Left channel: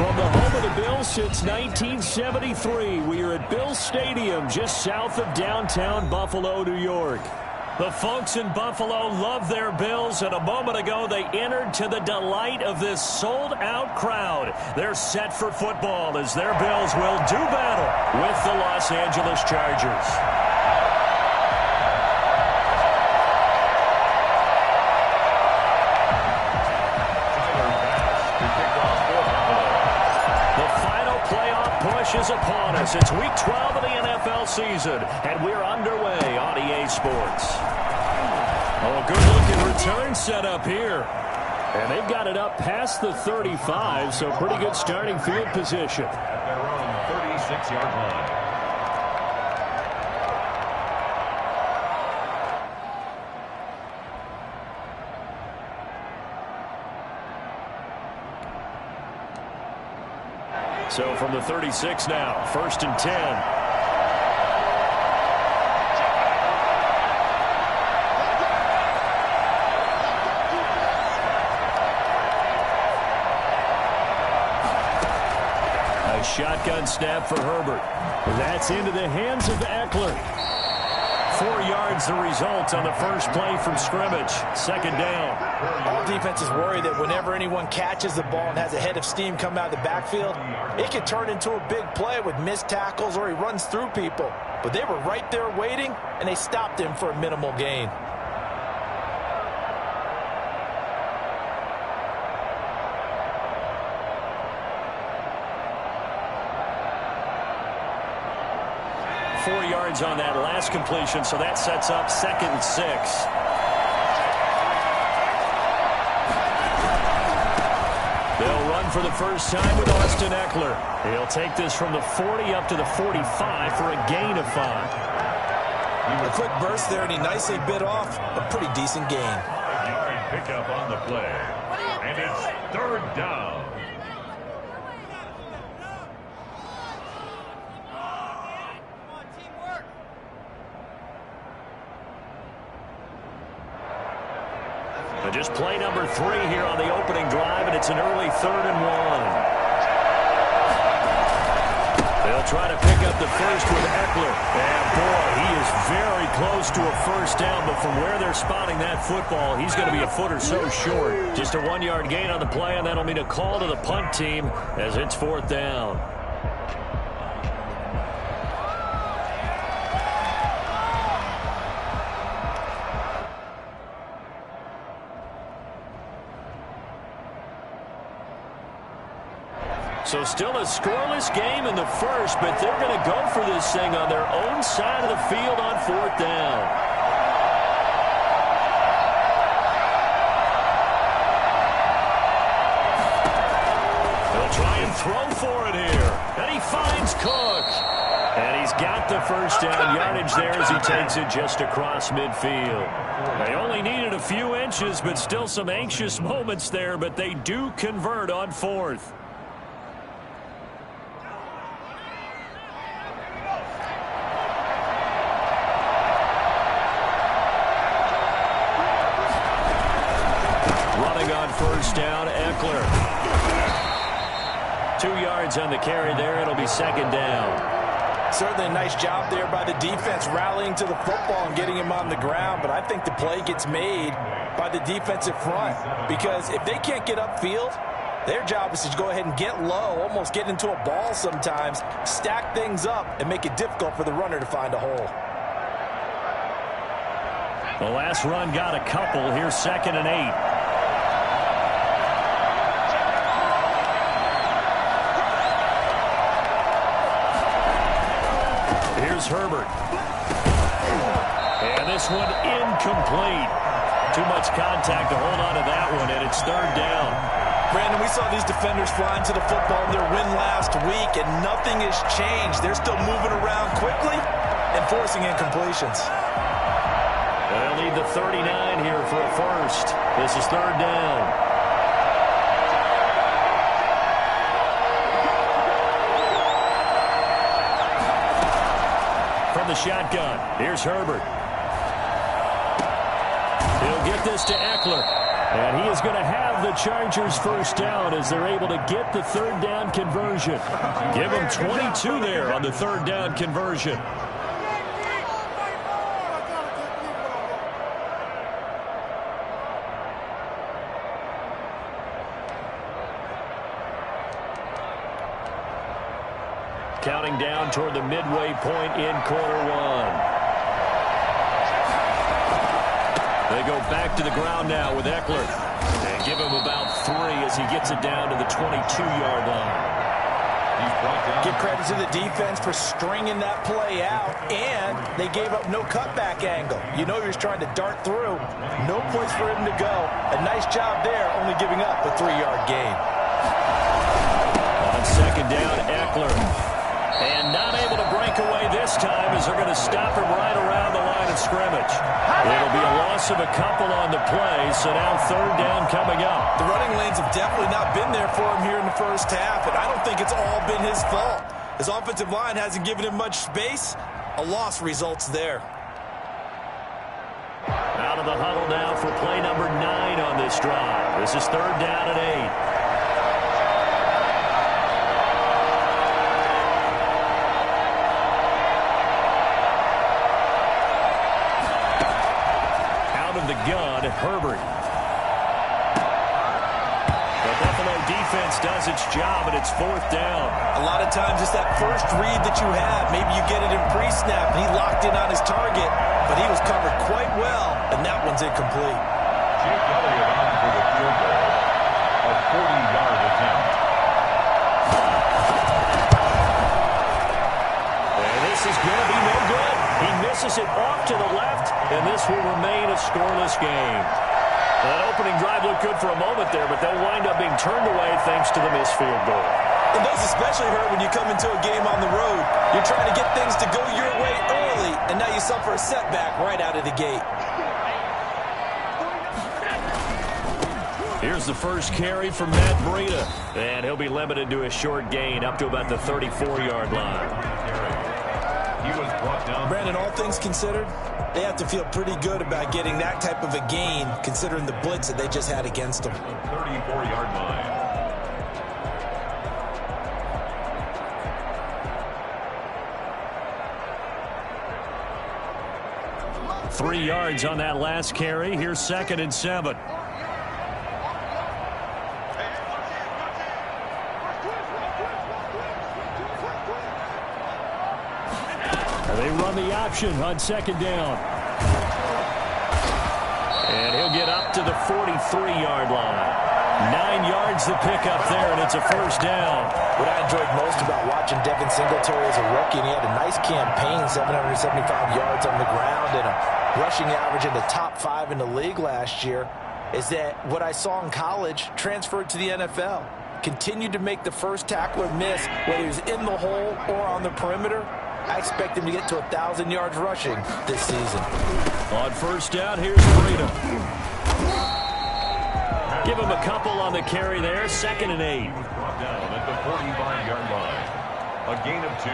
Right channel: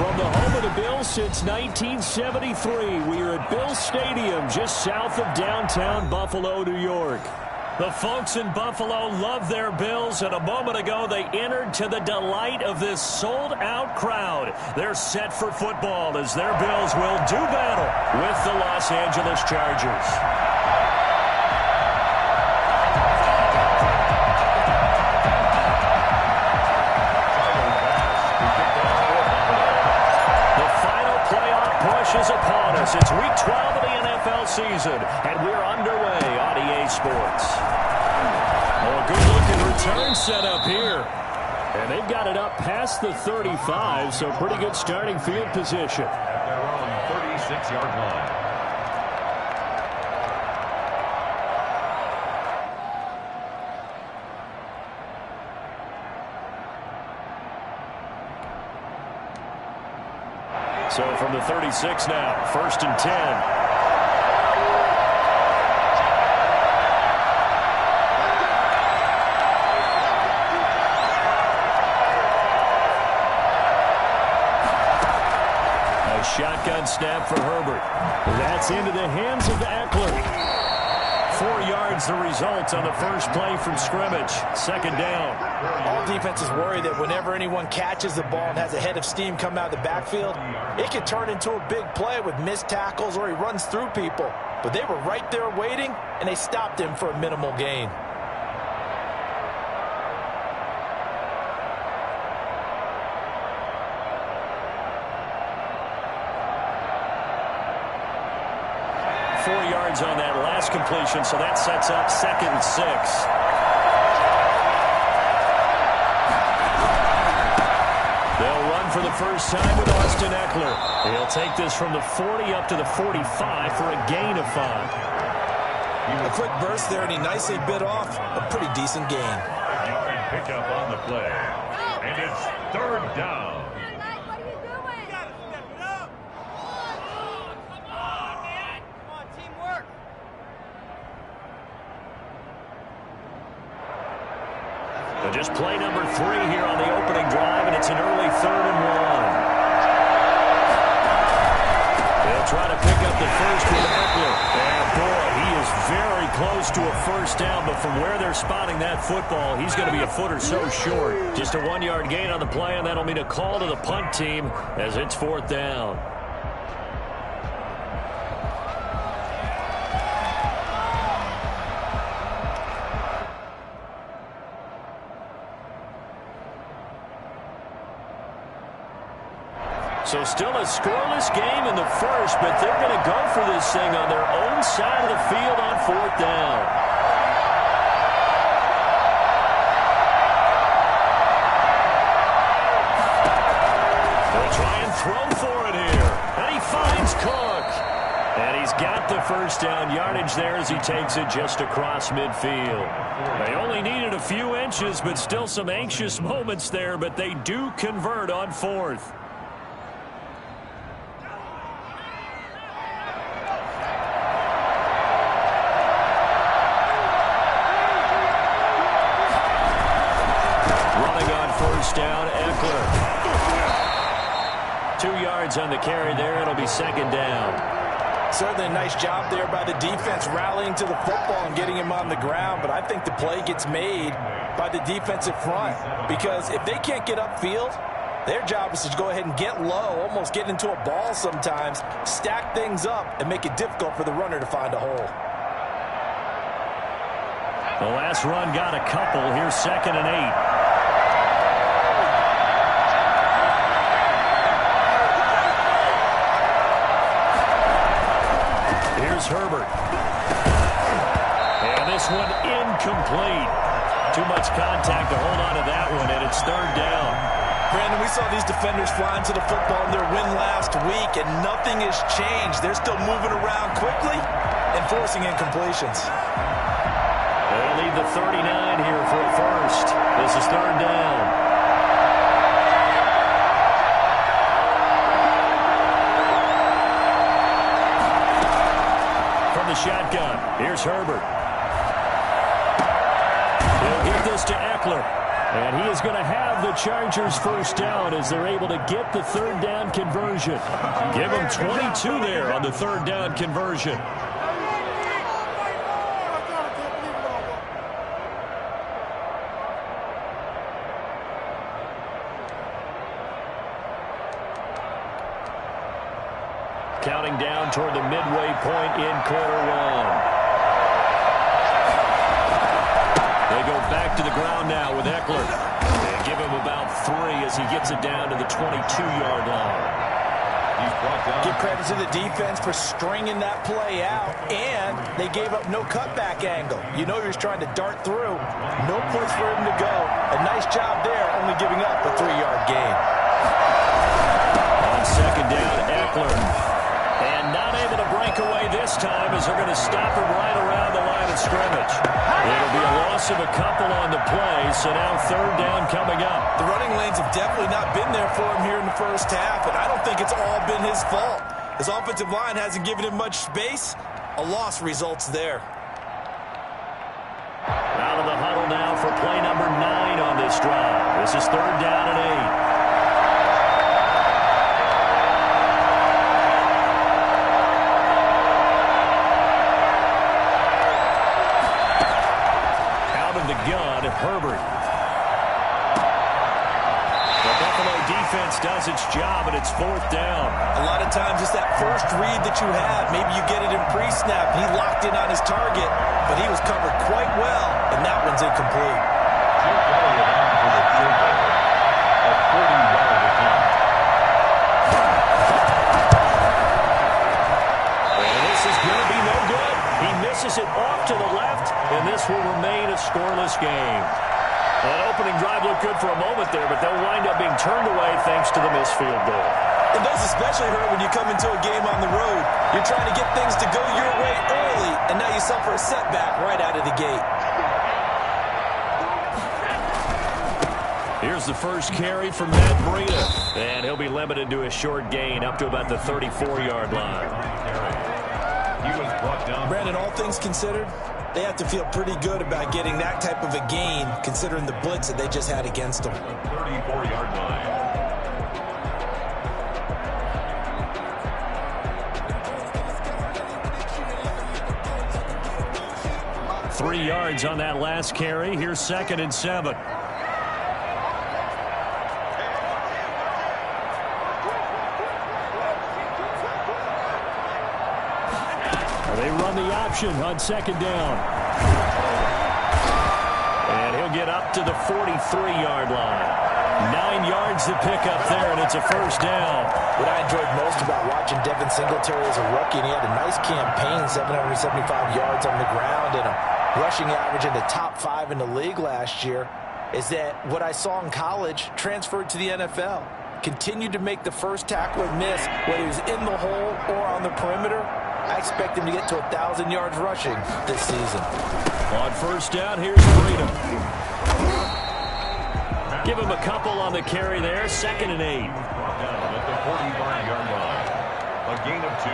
From the home of the Bills since 1973, we are at Bills Stadium just south of downtown Buffalo, New York. The folks in Buffalo love their Bills, and a moment ago they entered to the delight of this sold-out crowd. They're set for football as their Bills will do battle with the Los Angeles Chargers. Push is upon us. It's week 12 of the NFL season, and we're underway on EA Sports. Oh, a good-looking return set up here. And they've got it up past the 35, so pretty good starting field position. At their own 36-yard line. So from the 36 now, 1st and 10. A shotgun snap for Herbert. That's into the hands of Eckler. 4 yards the result on the first play from scrimmage. 2nd down. All defenses worry that whenever anyone catches the ball and has a head of steam come out of the backfield, it can turn into a big play with missed tackles or he runs through people. But they were right there waiting, and they stopped him for a minimal gain. On that last completion, so that sets up 2nd and 6. They'll run for the first time with Austin Eckler. He'll take this from the 40 up to the 45 for a gain of 5. A quick burst there, and he nicely bit off a pretty decent gain. Yard pickup on the play, and it's 3rd down. Just play number 3 here on the opening drive, and it's an early 3rd and 1. They'll try to pick up the first with Eckler. And, boy, he is very close to a first down, but from where they're spotting that football, he's going to be a foot or so short. Just a 1-yard gain on the play, and that'll mean a call to the punt team as it's 4th down. So still a scoreless game in the first, but they're going to go for this thing on their own side of the field on 4th down. They'll try and throw for it here. And he finds Cook. And he's got the first down yardage there as he takes it just across midfield. They only needed a few inches, but still some anxious moments there, but they do convert on 4th. First down, Eckler. 2 yards on the carry there. It'll be 2nd down. Certainly a nice job there by the defense rallying to the football and getting him on the ground, but I think the play gets made by the defensive front because if they can't get upfield, their job is to go ahead and get low, almost get into a ball sometimes, stack things up, and make it difficult for the runner to find a hole. The last run got a couple. Here's 2nd and 8. Here's Herbert. And this one incomplete. Too much contact to hold on to that one, and it's 3rd down. Brandon, we saw these defenders flying to the football in their win last week, and nothing has changed. They're still moving around quickly and forcing incompletions. They'll need the 39 here for a first. This is 3rd down. From the shotgun, here's Herbert. He'll get this to Eckler. And he is going to have the Chargers first down as they're able to get the third down conversion. Give them 22 there on the third down conversion. Counting down toward the midway point in quarter one. They go back to the ground now with Eckler. And give him about 3 as he gets it down to the 22-yard line. Give credit to the defense for stringing that play out, and they gave up no cutback angle. You know he was trying to dart through. No place for him to go. A nice job there, only giving up a 3-yard gain. On second down, Eckler. And not able to break away this time as they're going to stop him right around the line of scrimmage. It'll be a loss of a couple on the play, so now third down coming up. The running lanes have definitely not been there for him here in the first half, and I don't think it's all been his fault. His offensive line hasn't given him much space. A loss results there. Out of the huddle now for play number 9 on this drive. This is third down and 8. The gun, Herbert. The Buffalo defense does its job, and it's fourth down. A lot of times it's that first read that you have. Maybe you get it in pre-snap. He locked in on his target, but he was covered quite well, and that one's incomplete. Jake Elliott on for the field goal. A 40-yard attempt. And this is going to be no good. He misses it off to the left, and this will remain a scoreless game. That opening drive looked good for a moment there, but they'll wind up being turned away thanks to the missed field goal. And those especially hurt when you come into a game on the road. You're trying to get things to go your way early, and now you suffer a setback right out of the gate. Here's the first carry from Matt Breida, and he'll be limited to a short gain up to about the 34-yard line. He was brought down. Brandon, all things considered, they have to feel pretty good about getting that type of a gain, considering the blitz that they just had against them. The 34-yard line. 3 yards on that last carry. Here's 2nd and 7. They run the option on second down. And he'll get up to the 43-yard line. 9 yards to pick up there, and it's a first down. What I enjoyed most about watching Devin Singletary as a rookie, and he had a nice campaign, 775 yards on the ground and a rushing average in the top 5 in the league last year, is that what I saw in college transferred to the NFL. Continued to make the first tackler miss, whether he's in the hole or on the perimeter. I expect him to get to 1,000 yards rushing this season. On first down, here's Breida. Give him a couple on the carry there. 2nd and 8. Brought down at the 45-yard line. A gain of 2.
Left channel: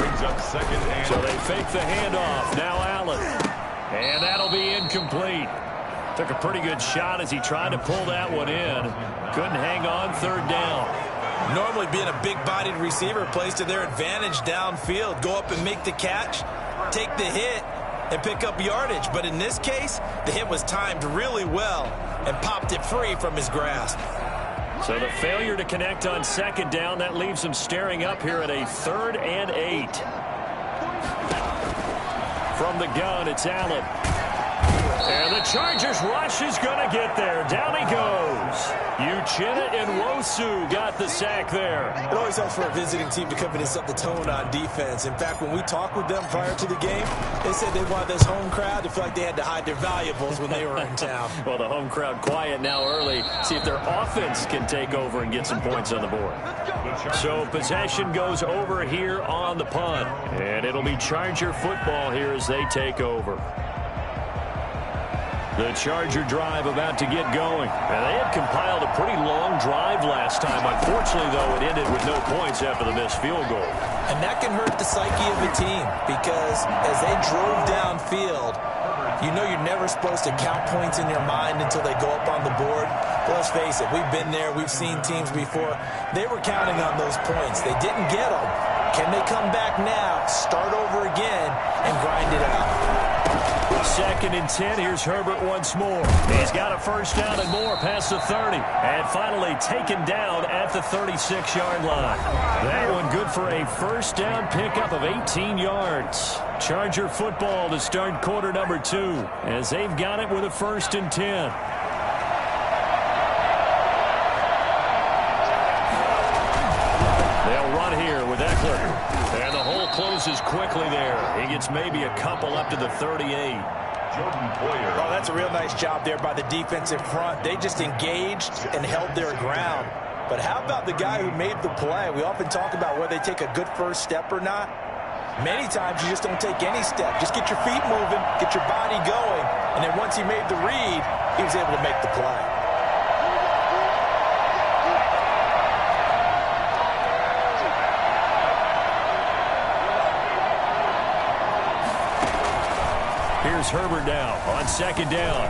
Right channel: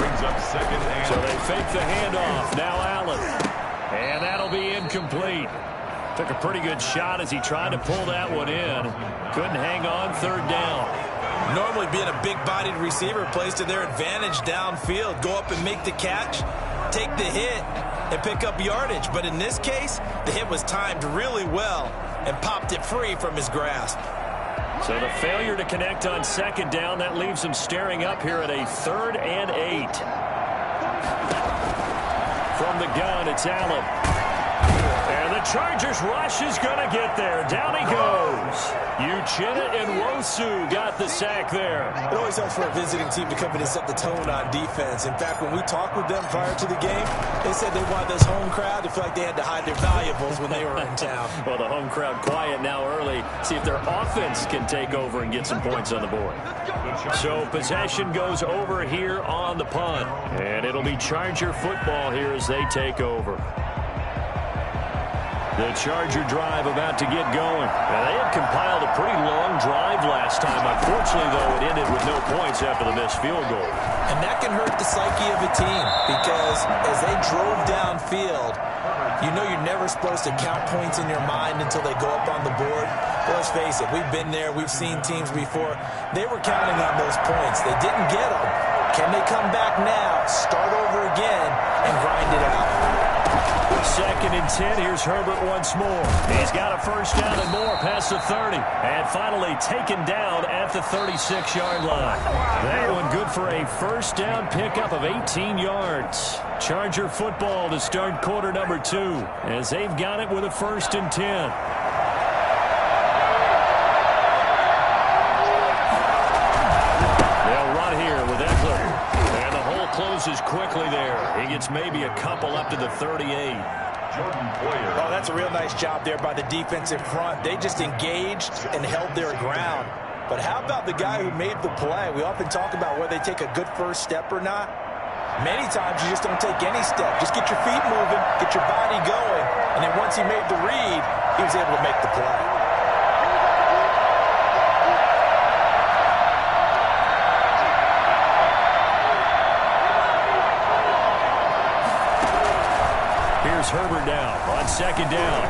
Brings up 2nd and... So they fake the handoff. Now Allen. And that'll be incomplete. Took a pretty good shot as he tried to pull that one in. Couldn't hang on. Third down. Normally being a big-bodied receiver plays to their advantage downfield. Go up and make the catch, take the hit, and pick up yardage. But in this case, the hit was timed really well and popped it free from his grasp. So the failure to connect on second down, that leaves him staring up here at a 3rd and 8. From the gun, it's Allen. And the Chargers rush is going to get there. Down he goes. Uchenna and Nwosu got the sack there. It always helps for a visiting team to come in and set the tone on defense. In fact, when we talked with them prior to the game, they said they wanted this home crowd to feel like they had to hide their valuables when they were in town. Well, the home crowd quiet now early. See if their offense can take over and get some points on the board. So possession goes over here on the punt. And it'll be Charger football here as they take over. The Charger drive about to get going. And they had compiled a pretty long drive last time. Unfortunately, though, it ended with no points after the missed field goal. And that can hurt the psyche of a team because as they drove downfield, you know you're never supposed to count points in your mind until they go up on the board. But let's face it, we've been there. We've seen teams before. They were counting on those points. They didn't get them. Can they come back now, start over again, and grind it out? 2nd and 10. Here's Herbert once more. He's got a first down and more past the 30. And finally taken down at the 36-yard line. That one good for a first down pickup of 18 yards. Charger football to start quarter number 2 as they've got it with a 1st and 10. They'll run here with Eckler. And the hole closes quickly there. He gets maybe a couple up to the 38. Jordan Poyer. Oh, that's a real nice job there by the defensive front. They just engaged and held their ground. But how about the guy who made the play? We often talk about whether they take a good first step or not. Many times you just don't take any step. Just get your feet moving, get your body going, and then once he made the read, he was able to make the play. Here's Herbert now on 2nd down.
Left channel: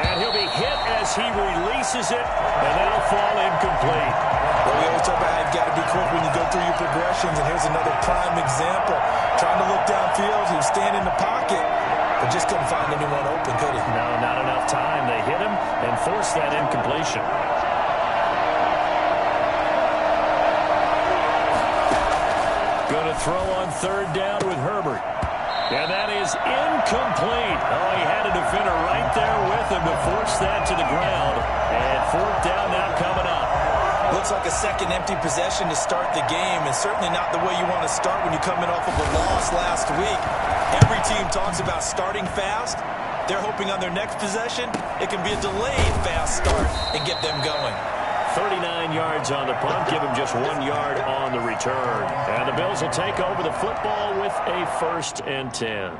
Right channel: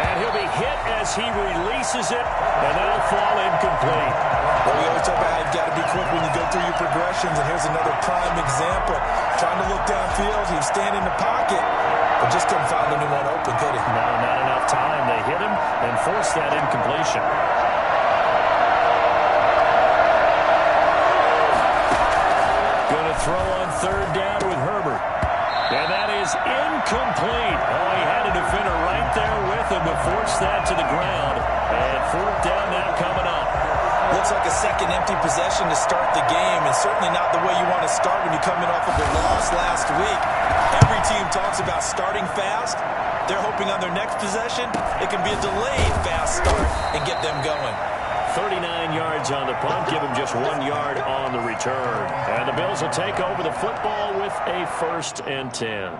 And he'll be hit as he releases it, and that'll fall incomplete. Well, we always talk about how you've got to be quick when you go through your progressions, and here's another prime example. Trying to look downfield, he was standing in the pocket, but just couldn't find anyone open, could he? No, not enough time. They hit him and forced that incompletion. Going to throw on 3rd down with Herbert. And that is incomplete. Oh, he had a defender right there with him to force that to the ground. And 4th down now coming up. Looks like a second empty possession to start the game, and certainly not the way you want to start when you come in off of a loss last week. Every team talks about starting fast. They're hoping on their next possession, it can be a delayed fast start and get them going. 39 yards on the punt, give him just 1 yard on the return. And the Bills will take over the football with a 1st and 10.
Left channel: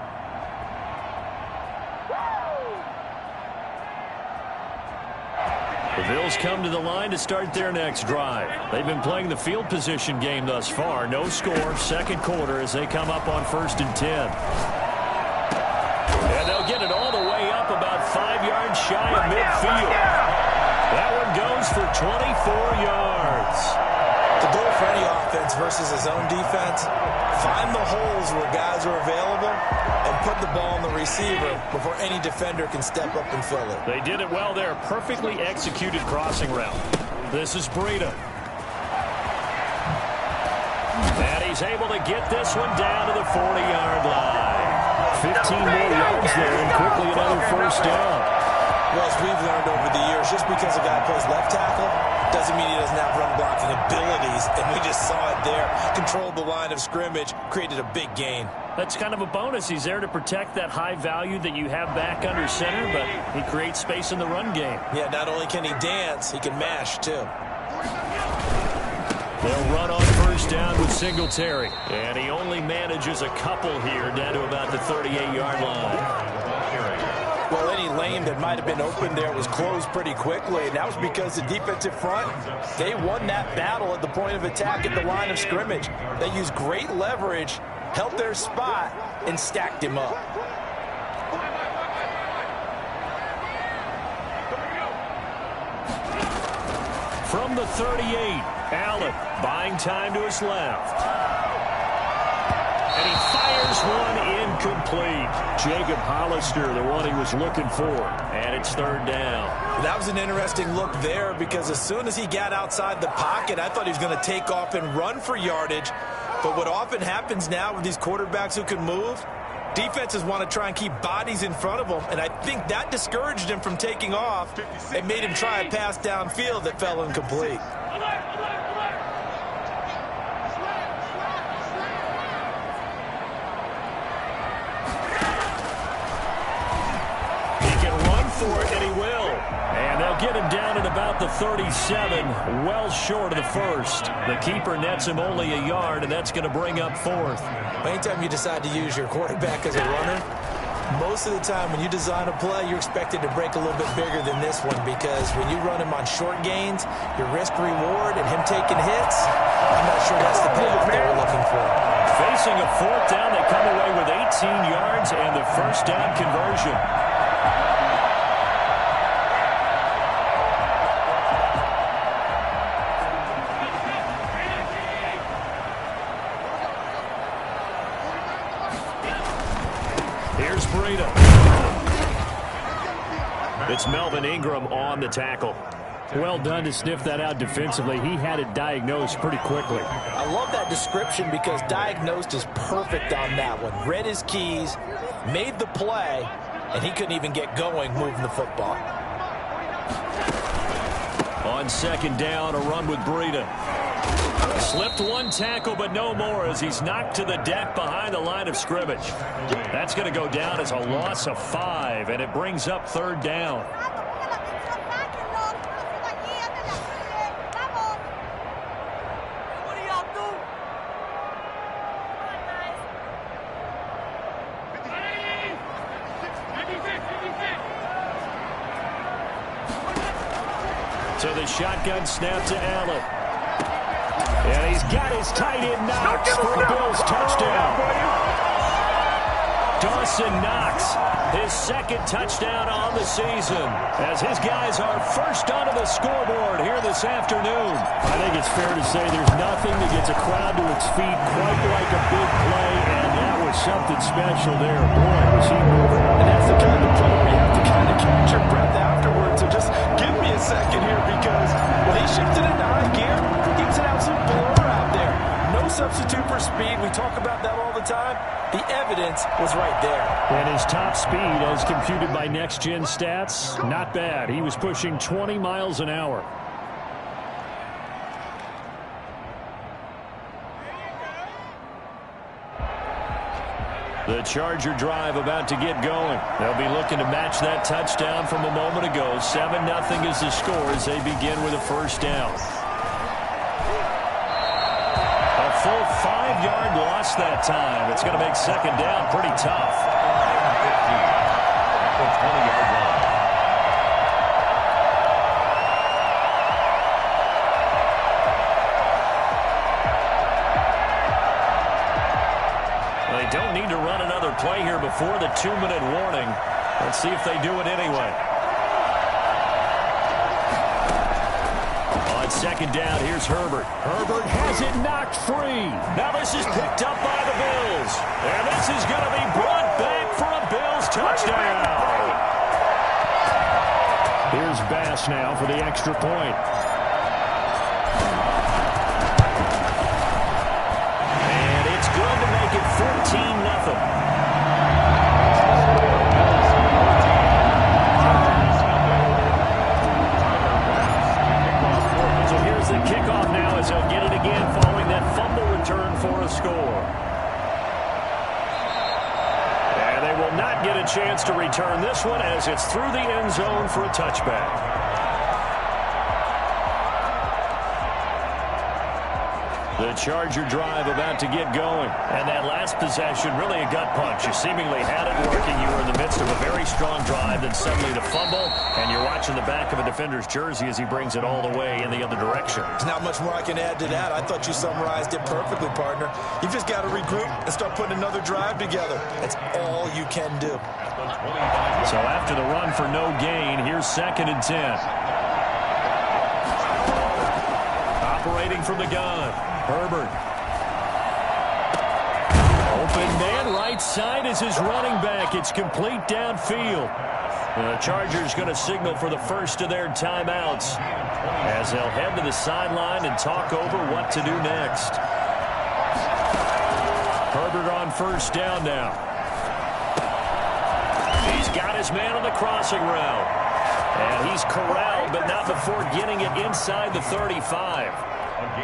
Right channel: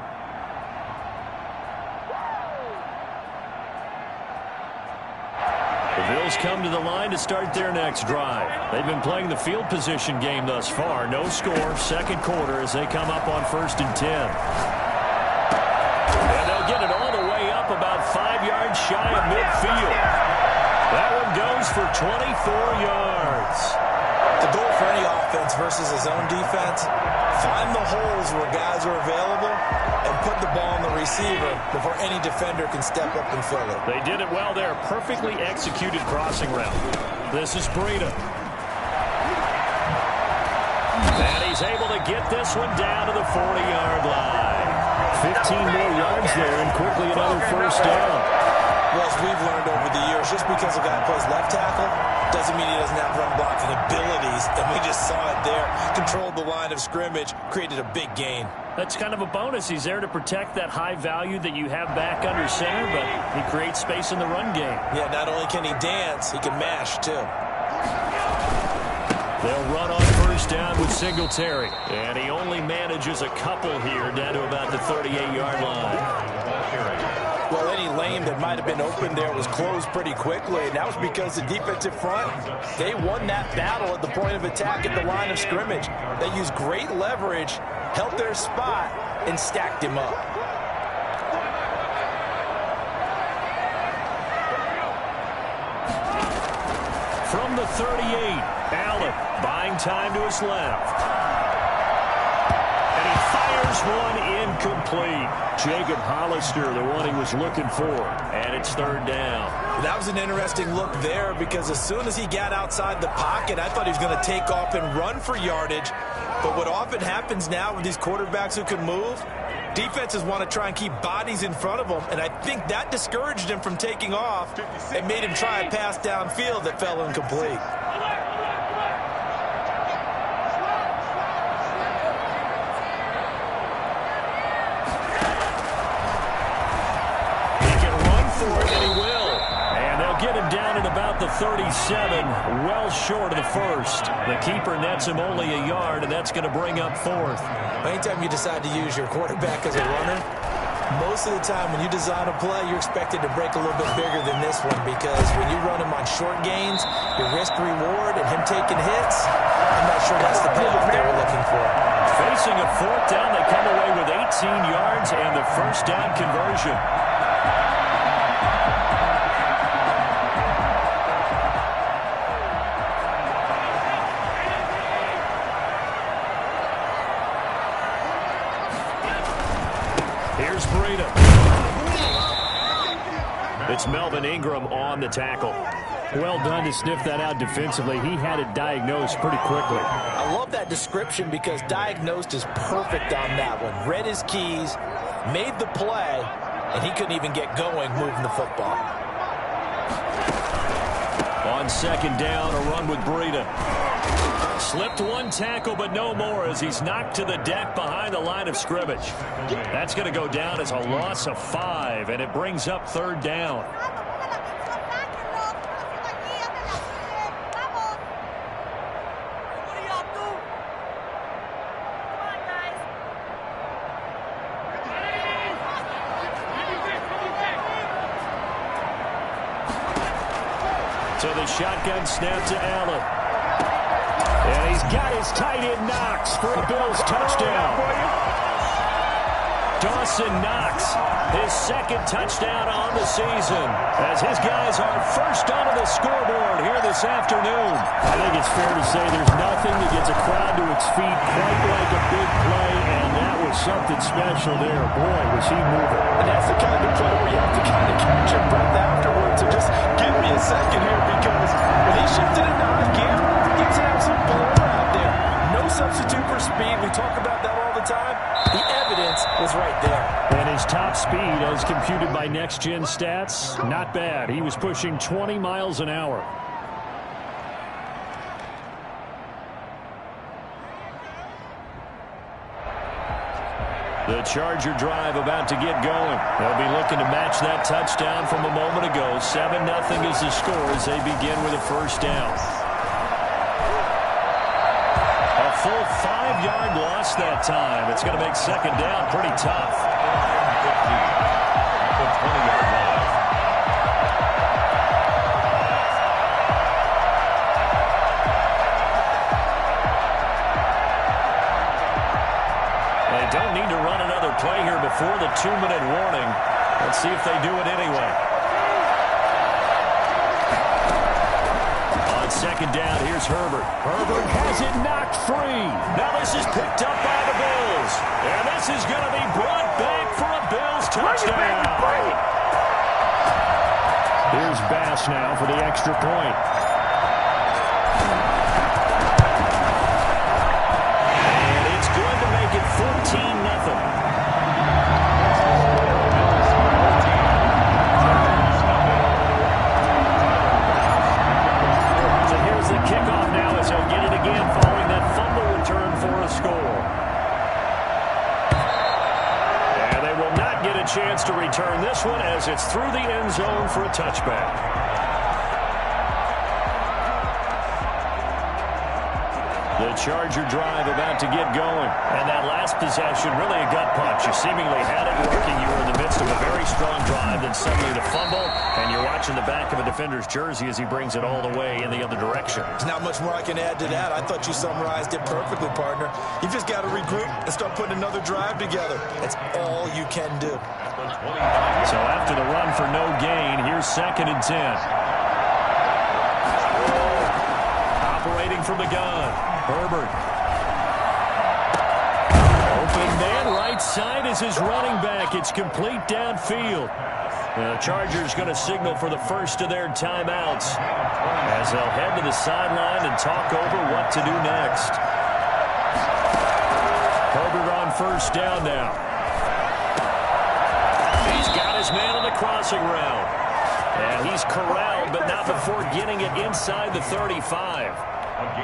The Bills come to the line to start their next drive. They've been playing the field position game thus far. No score, 2nd quarter as they come up on 1st and 10. And they'll get it all the way up about 5 yards shy of midfield. That one goes for 24 yards. The goal for any offense versus his own defense, find the holes where guys are available and put the ball on the receiver before any defender can step up and fill it. They did it well there. Perfectly executed crossing route. This is Breida. And he's able to get this one down to the 40-yard line. 15 more yards there and quickly another 1st down. Well, as we've learned over the years, just because a guy plays left tackle doesn't mean he doesn't have run blocking abilities. And we just saw it there. Controlled the line of scrimmage, created a big gain. That's kind of a bonus. He's there to protect that high value that you have back under center, but he creates space in the run game. Yeah, not only can he dance, he can mash, too. They'll run on 1st down with Singletary. And he only manages a couple here down to about the 38-yard line. Well, any lane that might have been open there was closed pretty quickly, and that was because the defensive front, they won that battle at the point of attack at the line of scrimmage. They used great leverage, held their spot, and stacked him up. From the 38, Allen buying time to his left. And he fires one incomplete. Jacob Hollister, the one he was looking for. And it's 3rd down. That was an interesting look there because as soon as he got outside the pocket, I thought he was going to take off and run for yardage. But what often happens now with these quarterbacks who can move, defenses want to try and keep bodies in front of them. And I think that discouraged him from taking off and made him try a pass downfield that fell incomplete. For it, and he will. And they'll get him down at about the 37, well short of the 1st. The keeper nets him only a yard, and that's going to bring up 4th. Anytime you decide to use your quarterback as a runner, Most of the time when you design a play, you're expected to break a little bit bigger than this one because when you run him on short gains, your risk-reward and him taking hits, I'm not sure that's the payoff they were looking for. Facing a fourth down, they come away with 18 yards and the first down conversion. Here's Breida. It's Melvin Ingram on the tackle. Well done to sniff that out defensively. He had it diagnosed pretty quickly. I love that description because diagnosed is perfect on that one. Read his keys, made the play, and he couldn't even get going moving the football. On second down, a run with Breida. Slipped one tackle, but no more as he's knocked to the deck behind the line of scrimmage. That's going to go down as a loss of 5, and it brings up third down. So the shotgun snap to Allen. And he's got his tight end Knox for a Bills touchdown. Dawson Knox, his second touchdown on the season, as his guys are first onto the scoreboard here this afternoon. I think it's fair to say there's nothing that gets a crowd to its feet quite like a big play, and that was something special there. Boy, was he moving. And that's the kind of play where you have to kind of catch your breath afterwards. So just give me a second here because when he shifted into high gear, he was an absolute blur out there. No substitute for speed. We talk about that all the time. The evidence was right there. And his top speed, as computed by Next Gen Stats, not bad. He was pushing 20 miles an hour. The Charger drive about to get going. They'll be looking to match that touchdown from a moment ago. 7-0 is the score as they begin with a first down. A full 5-yard loss that time. It's going to make second down pretty tough. 15 at the 20-yard line. They don't need to run another play here before the 2-minute warning. Let's see if they do it anyway. On second down, here's Herbert. Herbert has it knocked free. Now this is picked up by the Bills. And this is going to be brought back for a Bills touchdown. Here's Bass now for the extra point. And it's good to make it 14-0. The kickoff now as he'll get it again following that fumble return for a score. And they will not get a chance to return this one as it's through the end zone for a touchback. The Charger drive about to get going. And that last possession, really a gut punch. You seemingly had it working. You were in the midst of a very strong drive, then suddenly the fumble, and you're watching the back of a defender's jersey as he brings it all the way in the other direction. There's not much more I can add to that. I thought you summarized it perfectly, partner. You've just got to regroup and start putting another drive together. That's all you can do. So after the run for no gain, here's 2nd and 10. Operating from the gun. Herbert. Open man right side is his running back. It's complete downfield. The Chargers going to signal for the first of their timeouts as they'll head to the sideline and talk over what to do next. Herbert on first down now. He's got his man on the crossing route. And he's corralled, but not before getting it inside the 35.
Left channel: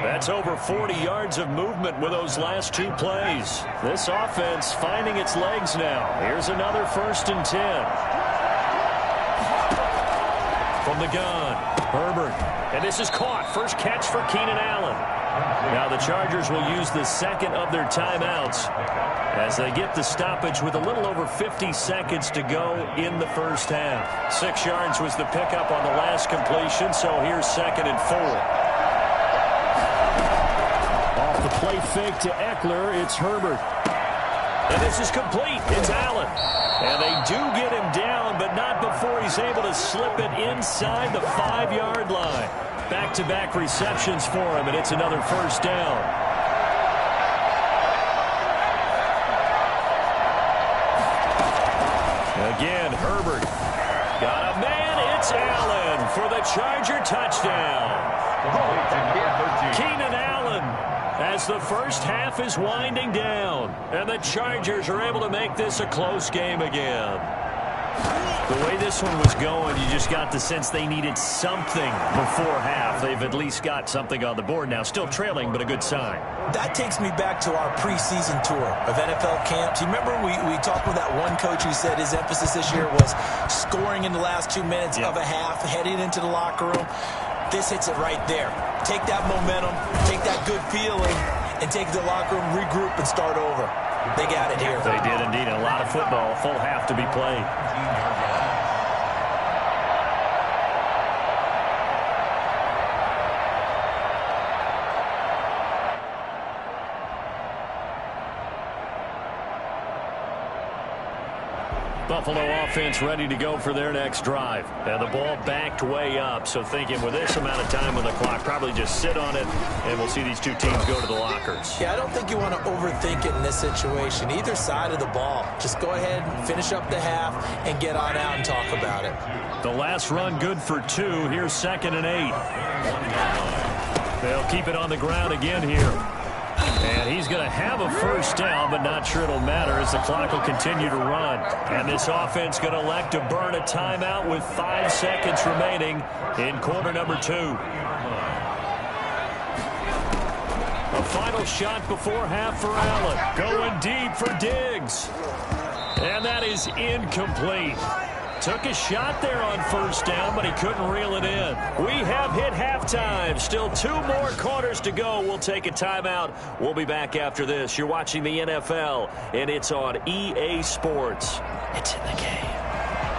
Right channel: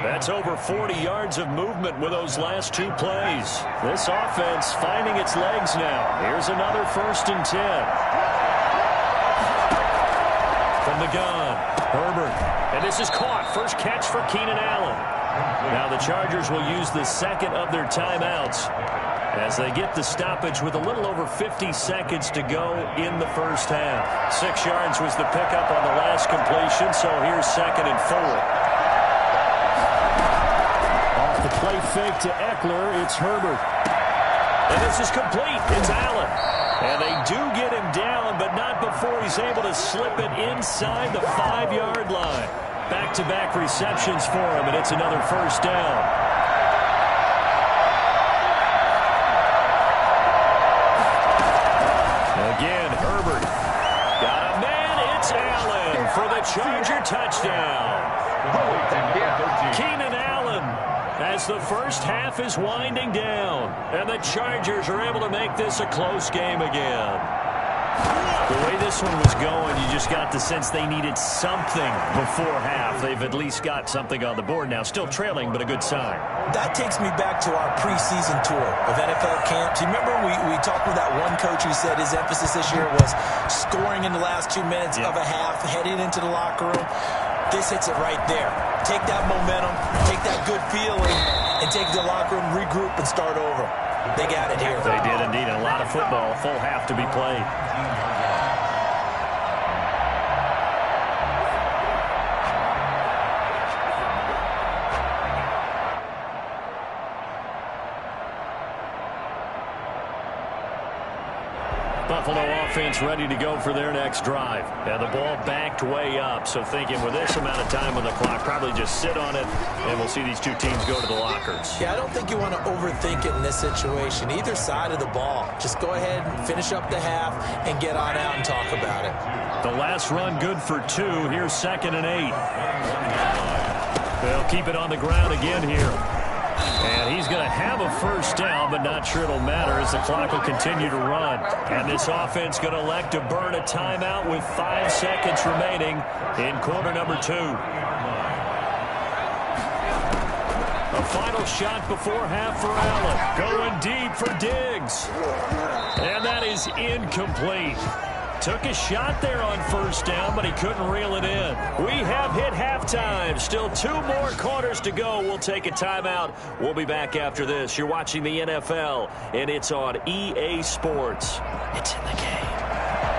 That's over 40 yards of movement with those last 2 plays. This offense finding its legs now. Here's another 1st and 10. From the gun. Herbert. And this is caught. First catch for Keenan Allen. Now the Chargers will use the second of their timeouts as they get the stoppage with a little over 50 seconds to go in the first half. 6 yards was the pickup on the last completion, so here's 2nd and 4. Off the play fake to Eckler, it's Herbert. And this is complete. It's Allen. And they do get him down, but not before he's able to slip it inside the 5-yard line. Back-to-back receptions for him, and it's another first down. Again, Herbert. Got a man. It's Allen for the Charger touchdown. Keenan Allen as the first half is winding down. And the Chargers are able to make this a close game again. The way this one was going, you just got the sense they needed something before half. They've at least got something on the board now. Still trailing, but a good sign. That takes me back to our preseason tour of NFL camps. You remember we talked with that one coach who said his emphasis this year was scoring in the last 2 minutes of a half, heading into the locker room. This hits it right there. Take that momentum, take that good feeling, and take the locker room, regroup, and start over. They got it here. They did indeed. A lot of football, full half to be played. Buffalo offense ready to go for their next drive. And the ball backed way up, so thinking with this amount of time on the clock, probably just sit on it, and we'll see these two teams go to the lockers. Yeah, I don't think you want to overthink it in this situation. Either side of the ball. Just go ahead and finish up the half and get on out and talk about it. The last run good for 2. Here's 2nd and 8. They'll keep it on the ground again here. And he's going to have a first down, but not sure it'll matter as the clock will continue to run. And this offense going to elect to burn a timeout with 5 seconds remaining in quarter number 2. A final shot before half for Allen. Going deep for Diggs. And that is incomplete. Took a shot there on first down, but he couldn't reel it in. We have hit halftime. Still 2 more quarters to go. We'll take a timeout. We'll be back after this. You're watching the NFL, and it's on EA Sports. It's in the game.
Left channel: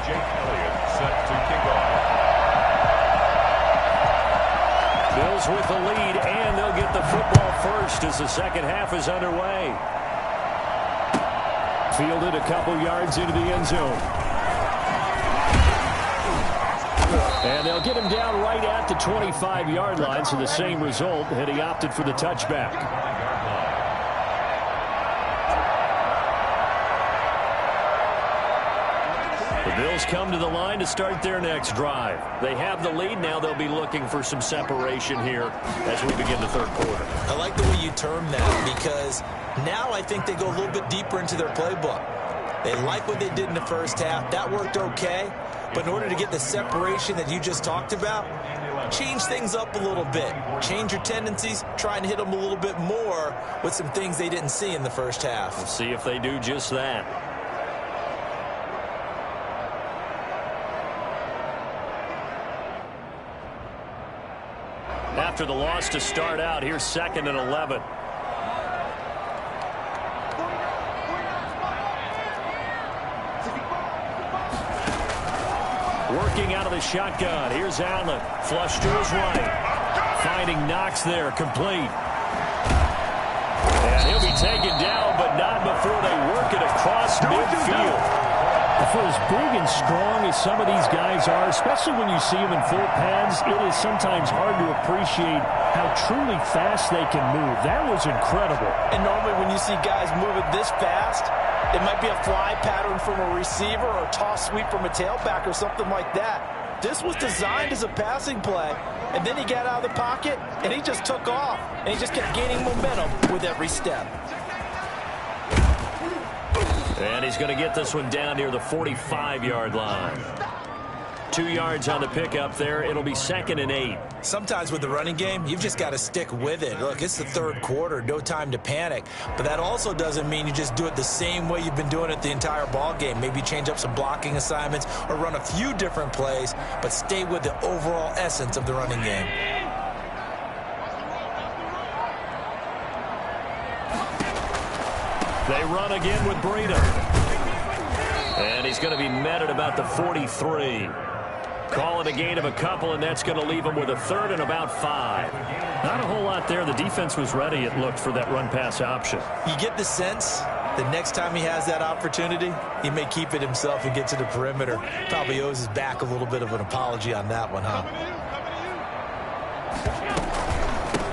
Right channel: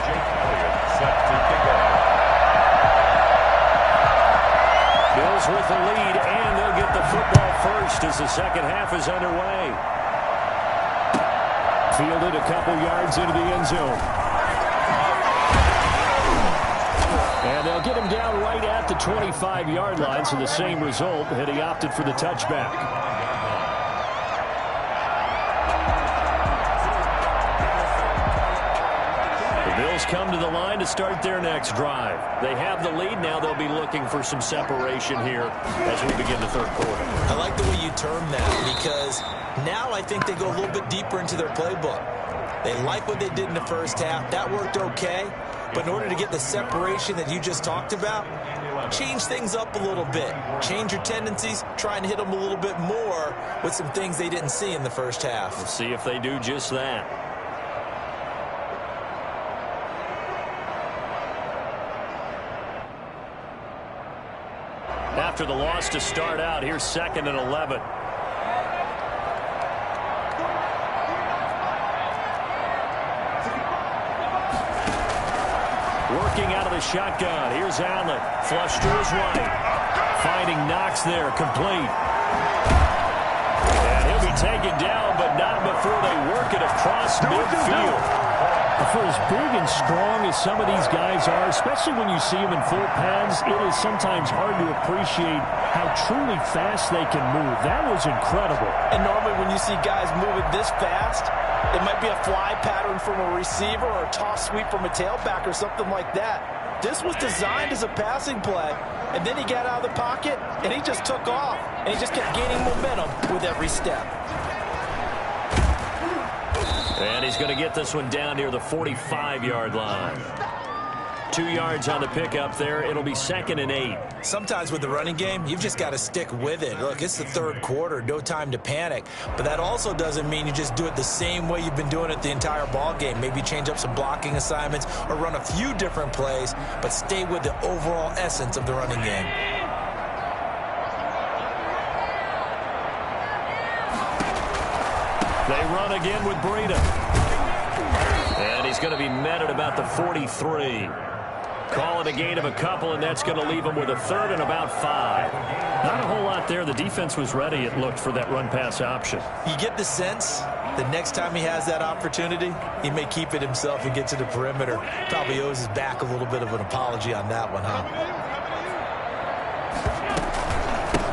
Jake Elliott set to kick off. Bills with the lead, and they'll get the football first as the second half is underway. Fielded a couple yards into the end zone. And they'll get him down right at the 25-yard line, so the same result, and he opted for the touchback. The Bills come to the line to start their next drive. They have the lead. Now they'll be looking for some separation here as we begin the third quarter. I like the way you term that because now I think they go a little bit deeper into their playbook. They like what they did in the first half. That worked okay. But in order to get the separation that you just talked about, change things up a little bit. Change your tendencies. Try and hit them a little bit more with some things they didn't see in the first half. We'll see if they do just that. After the loss to start out, here's 2nd and 11. Working out of the shotgun. Here's Allen. Flush to his right. Finding Knox there. Complete. And he'll be taken down, but not before they work it across midfield. For as big and strong as some of these guys are, especially when you see them in full pads, it is sometimes hard to appreciate how truly fast they can move. That was incredible. And normally when you see guys moving this fast, it might be a fly pattern from a receiver or a toss sweep from a tailback or something like that. This was designed as a passing play, and then he got out of the pocket, and he just took off, and he just kept gaining momentum with every step. And he's going to get this one down near the 45-yard line. 2 yards on the pickup there. It'll be 2nd and 8. Sometimes with the running game, you've just got to stick with it. Look, it's the third quarter, no time to panic. But that also doesn't mean you just do it the same way you've been doing it the entire ball game. Maybe change up some blocking assignments or run a few different plays, but stay with the overall essence of the running game. They run again with Breida. And he's going to be met at about the 43. Call it a gain of a couple, and that's going to leave him with a 3rd and about 5. Not a whole lot there. The defense was ready, it looked, for that run-pass option. You get the sense the next time he has that opportunity, he may keep it himself and get to the perimeter. Probably owes his back a little bit of an apology on that one, huh?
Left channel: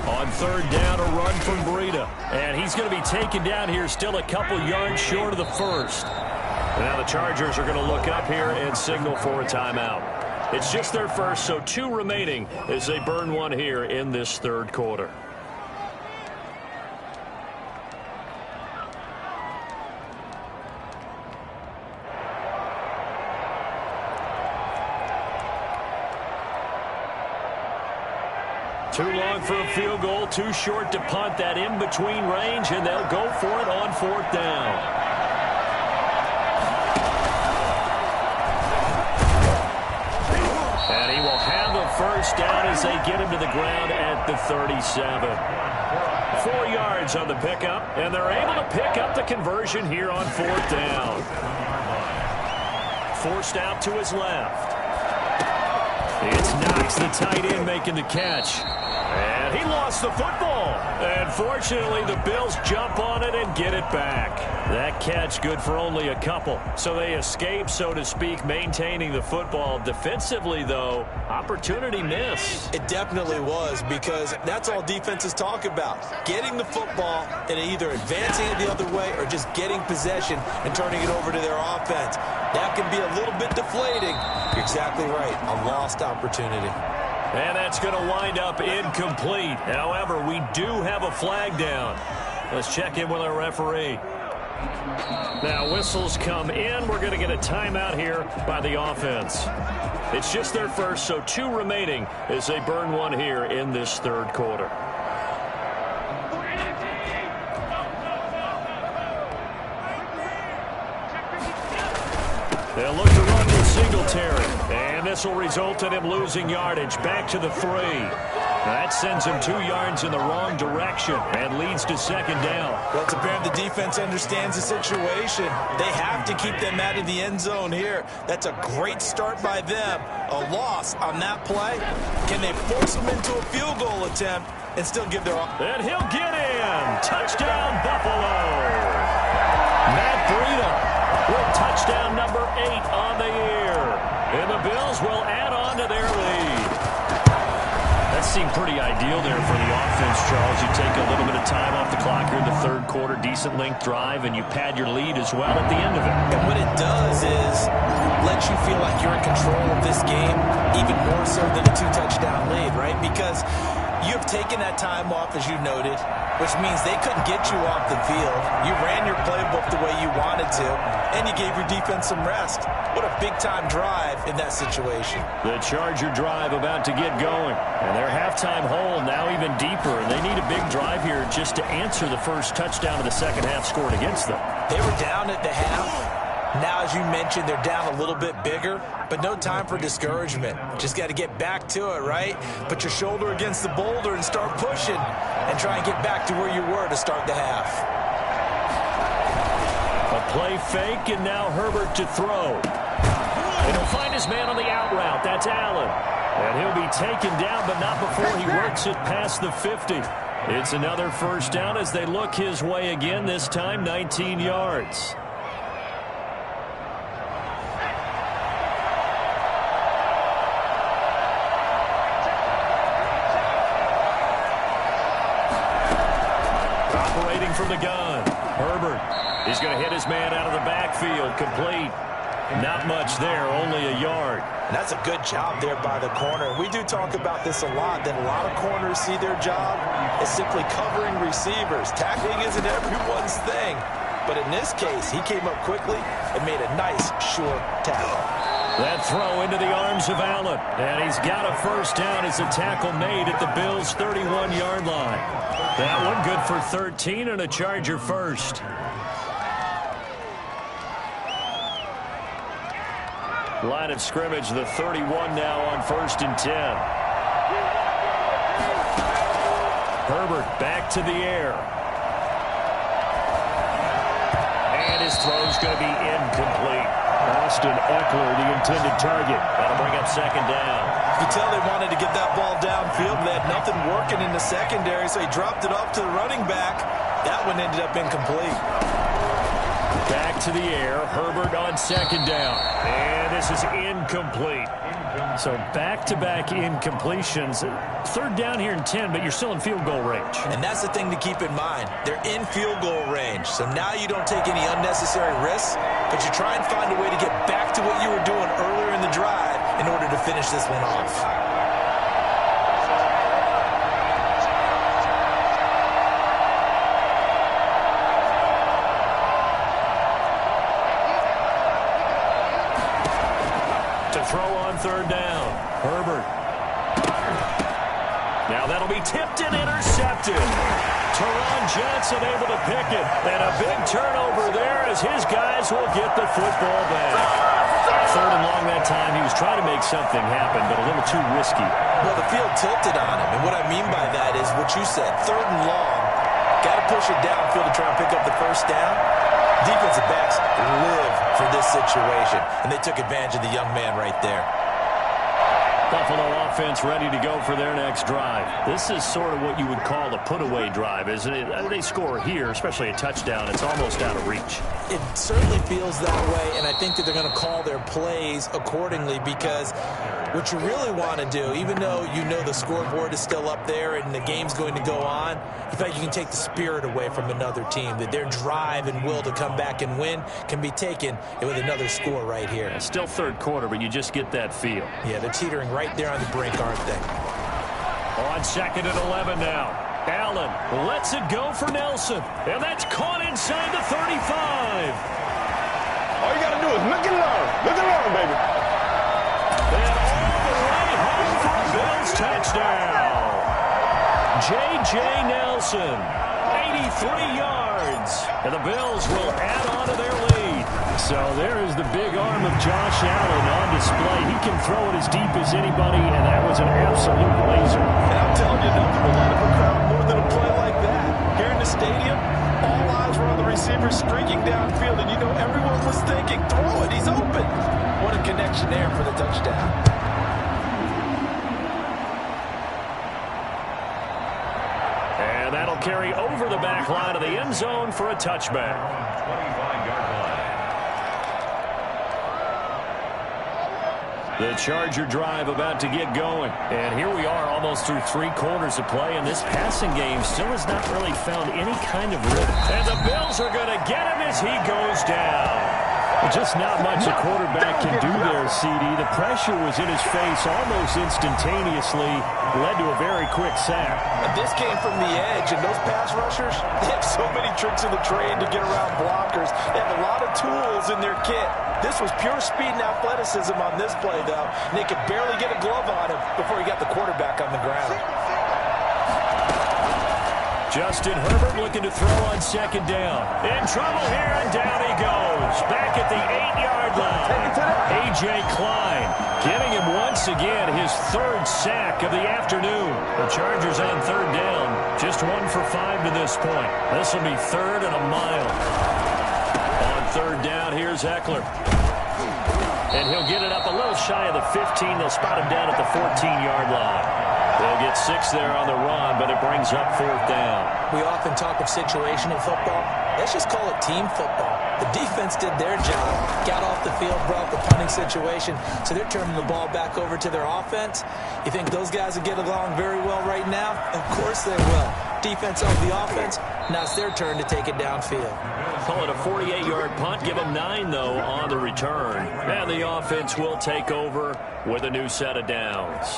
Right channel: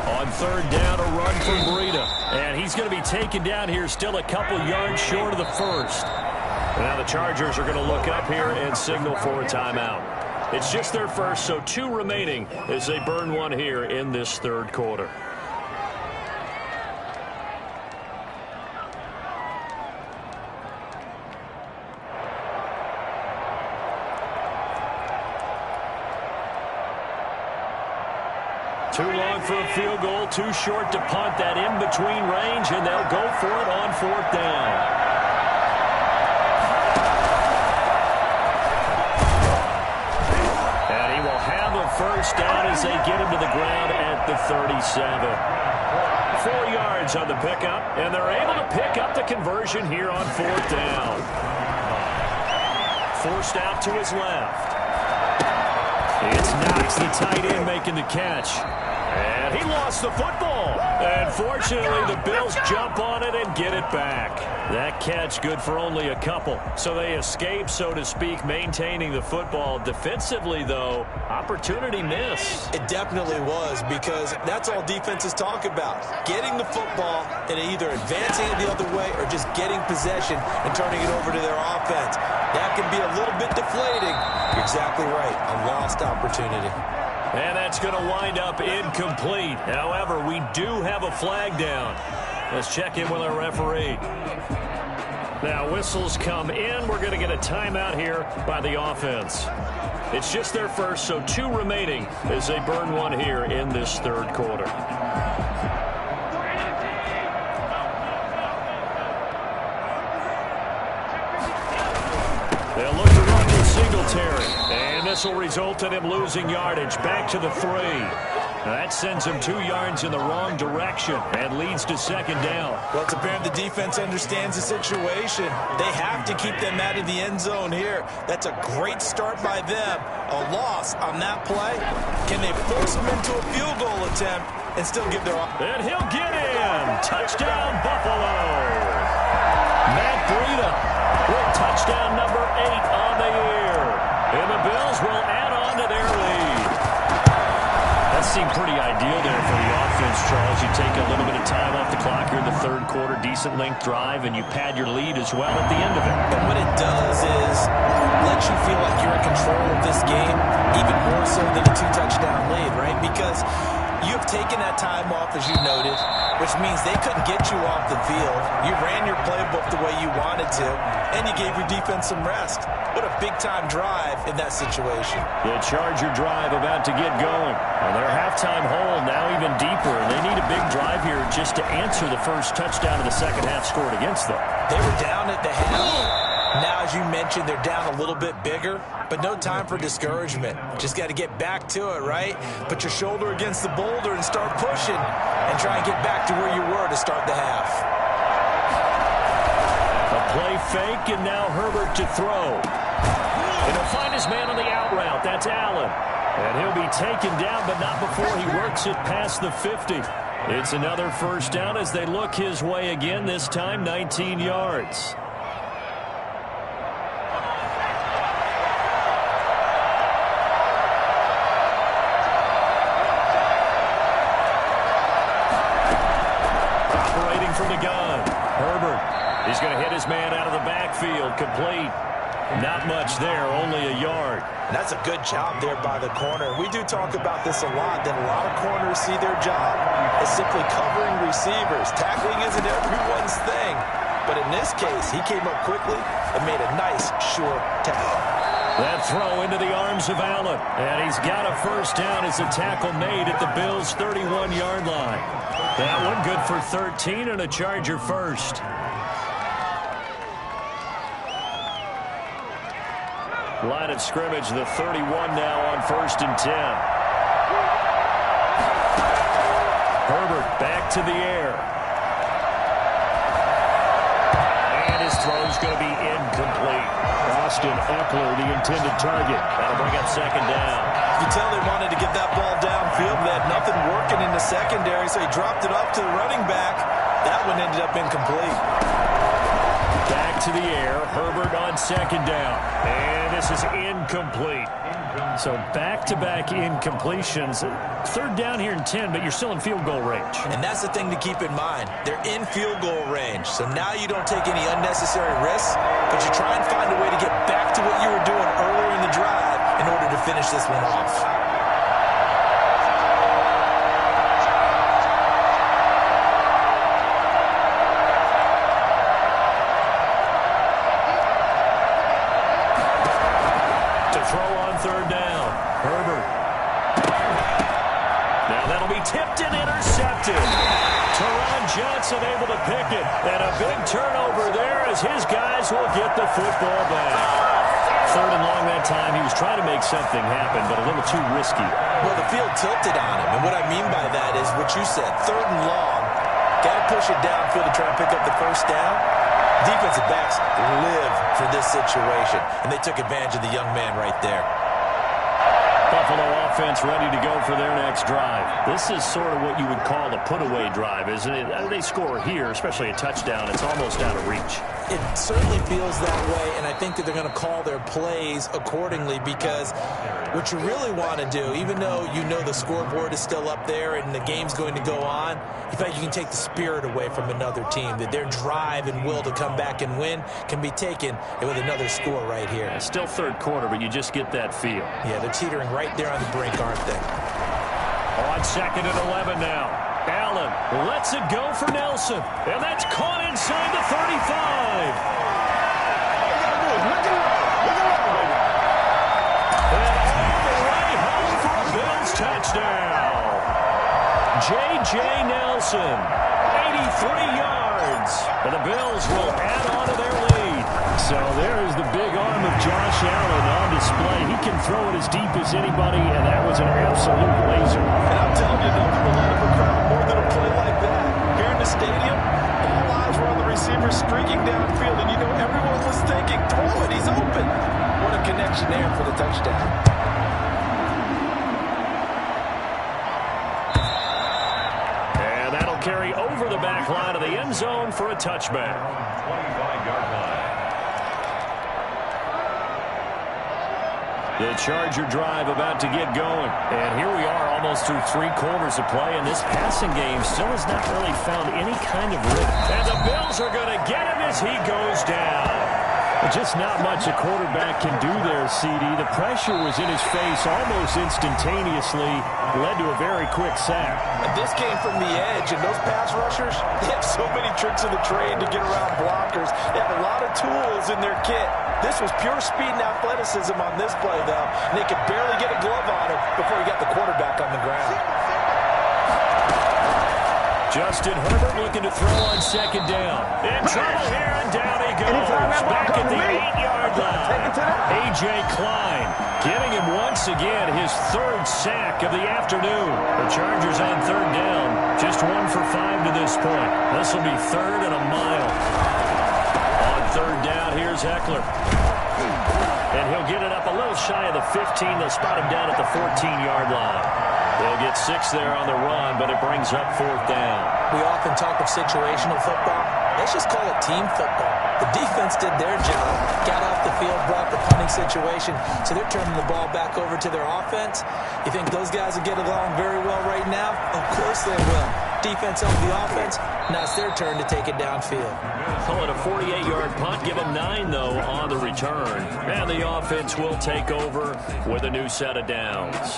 On 3rd down, a run from Breida. And he's going to be taken down here, still a couple yards short of the 1st. Now the Chargers are going to look up here and signal for a timeout. It's just their first, so 2 remaining as they burn one here in this 3rd quarter. Too long for a field goal, too short to punt. That in-between range, and they'll go for it on 4th down. And he will have a first down as they get him to the ground at the 37. 4 yards on the pickup, and they're able to pick up the conversion here on 4th down. Forced out to his left. It's Knox, the tight end, making the catch. And he lost the football. And fortunately, the Bills jump on it and get it back. That catch good for only a couple. So they escape, so to speak, maintaining the football. Defensively, though, opportunity miss. It definitely was, because that's all defenses talk about. Getting the football and either advancing it the other way or just getting possession and turning it over to their offense. That can be a little bit deflating. You're exactly right. A lost opportunity. And that's going to wind up incomplete. However, we do have a flag down. Let's check in with our referee. Now, whistles come in. We're going to get a timeout here by the offense. It's just their first, so 2 remaining as they burn one here in this 3rd quarter. They'll look to run with Singletary. And this will result in him losing yardage. Back to the 3. That sends him 2 yards in the wrong direction and leads to 2nd down. Well, it's apparent the defense understands the situation. They have to keep them out of the end zone here. That's a great start by them. A loss on that play. Can they force them into a field goal attempt and still give their... And he'll get in. Touchdown, Buffalo. Matt Breida with touchdown number 8 on the year. And the Bills will add on to their lead. That seemed pretty ideal there for the offense, Charles. You take a little bit of time off the clock here in the 3rd quarter, decent length drive, and you pad your lead as well at the end of it. And what it does is let you feel like you're in control of this game, even more so than a 2-touchdown lead, right? Because you have taken that time off, as you noted, which means they couldn't get you off the field. You ran your playbook the way you wanted to, and you gave your defense some rest. What a big-time drive in that situation. The Charger drive about to get going. And their halftime hole now even deeper. And they need a big drive here just to answer the first touchdown of the 2nd half scored against them. They were down at the half. Now, as you mentioned, they're down a little bit bigger, but no time for discouragement. Just got to get back to it, right? Put your shoulder against the boulder and start pushing and try and get back to where you were to start the half. A play fake, and now Herbert to throw. And he'll find his man on the out route. That's Allen. And he'll be taken down, but not before he works it past the 50. It's another first down as they look his way again, this time 19 yards. Operating from the gun, Herbert. He's going to hit his man out of the backfield, complete. Not much there, only a yard. And that's a good job there by the corner. We do talk about this a lot, that a lot of corners see their job as simply covering receivers. Tackling isn't everyone's thing. But in this case, he came up quickly and made a nice, sure tackle. That throw into the arms of Allen. And he's got a first down as a tackle made at the Bills' 31-yard line. That one good for 13 and a Charger first. Line of scrimmage, the 31 now on 1st and 10. Herbert back to the air. And his throw's going to be incomplete. Austin Eckler, the intended target. That'll bring up 2nd down. You can tell they wanted to get that ball downfield. They had nothing working in the secondary, so he dropped it off to the running back. That one ended up incomplete. Back to the air. Herbert on 2nd down. And this is incomplete. So back-to-back incompletions. 3rd down here in 10, but you're still in field goal range. And that's the thing to keep in mind. They're in field goal range. So now you don't take any unnecessary risks, but you try and find a way to get back to what you were doing earlier in the drive in order to finish this one off. Throw on 3rd down. Herbert. Now that'll be tipped and intercepted. Teron Johnson able to pick it. And a big turnover there as his guys will get the football back. 3rd and long that time. He was trying to make something happen, but a little too risky. Well, the field tilted on him. And what I mean by that is what you said. 3rd and long. Got to push it downfield to try and pick up the first down. Defensive backs live for this situation, and they took advantage of the young man right there. Buffalo offense ready to go for their next drive. This is sort of what you would call a put-away drive, isn't it? They score here, especially a touchdown. It's almost out of reach. It certainly feels that way, and I think that they're going to call their plays accordingly because what you really want to do, even though you know the scoreboard is still up there and the game's going to go on, in fact, you can take the spirit away from another team, that their drive and will to come back and win can be taken with another score right here. It's still 3rd quarter, but you just get that feel. Yeah, they're teetering right there on the brink, aren't they? On 2nd and 11 now. Allen lets it go for Nelson. And that's caught inside the 35. All you got to do is look and learn. Look and learn, baby. And all the way home for a Bills touchdown. J.J. Nelson, 83 yards. And the Bills will add on to their lead. So there is the big arm of Josh Allen on display. He can throw it as deep as anybody, and that was an absolute laser. And I'm telling you, nothing will light up a crowd more than a play like that. Here in the stadium, all eyes were on the receiver streaking downfield, and you know everyone was thinking, throw it, he's open. What a connection there for the touchdown. And that'll carry over the back line of the end zone for a touchback. 25-yard line. The Charger drive about to get going. And here we are almost through 3 quarters of play, and this passing game still has not really found any kind of rhythm. And the Bills are going to get him as he goes down. Just not much a quarterback can do there, CD. The pressure was in his face almost instantaneously, led to a very quick sack. And this came from the edge, and those pass rushers, they have so many tricks in the trade to get around blockers. They have a lot of tools in their kit. This was pure speed and athleticism on this play, though, and they could barely get a glove on him before he got the quarterback on the ground. Justin Herbert looking to throw on 2nd down. In trouble here, and down he goes. Back at the 8-yard line. A.J. Klein getting him once again his 3rd sack of the afternoon. The Chargers on 3rd down. Just 1 for 5 to this point. This will be 3rd and a mile. On 3rd down, here's Eckler. And he'll get it up a little shy of the 15. They'll spot him down at the 14-yard line. They'll get 6 there on the run, but it brings up 4th down. We often talk of situational football. Let's just call it team football. The defense did their job, got off the field, brought the punting situation, so they're turning the ball back over to their offense. You think those guys will get along very well right now? Of course they will. Defense helped the offense. Now it's their turn to take it downfield. Call it a 48-yard punt. Give them 9, though, on the return. And the offense will take over with a new set of downs.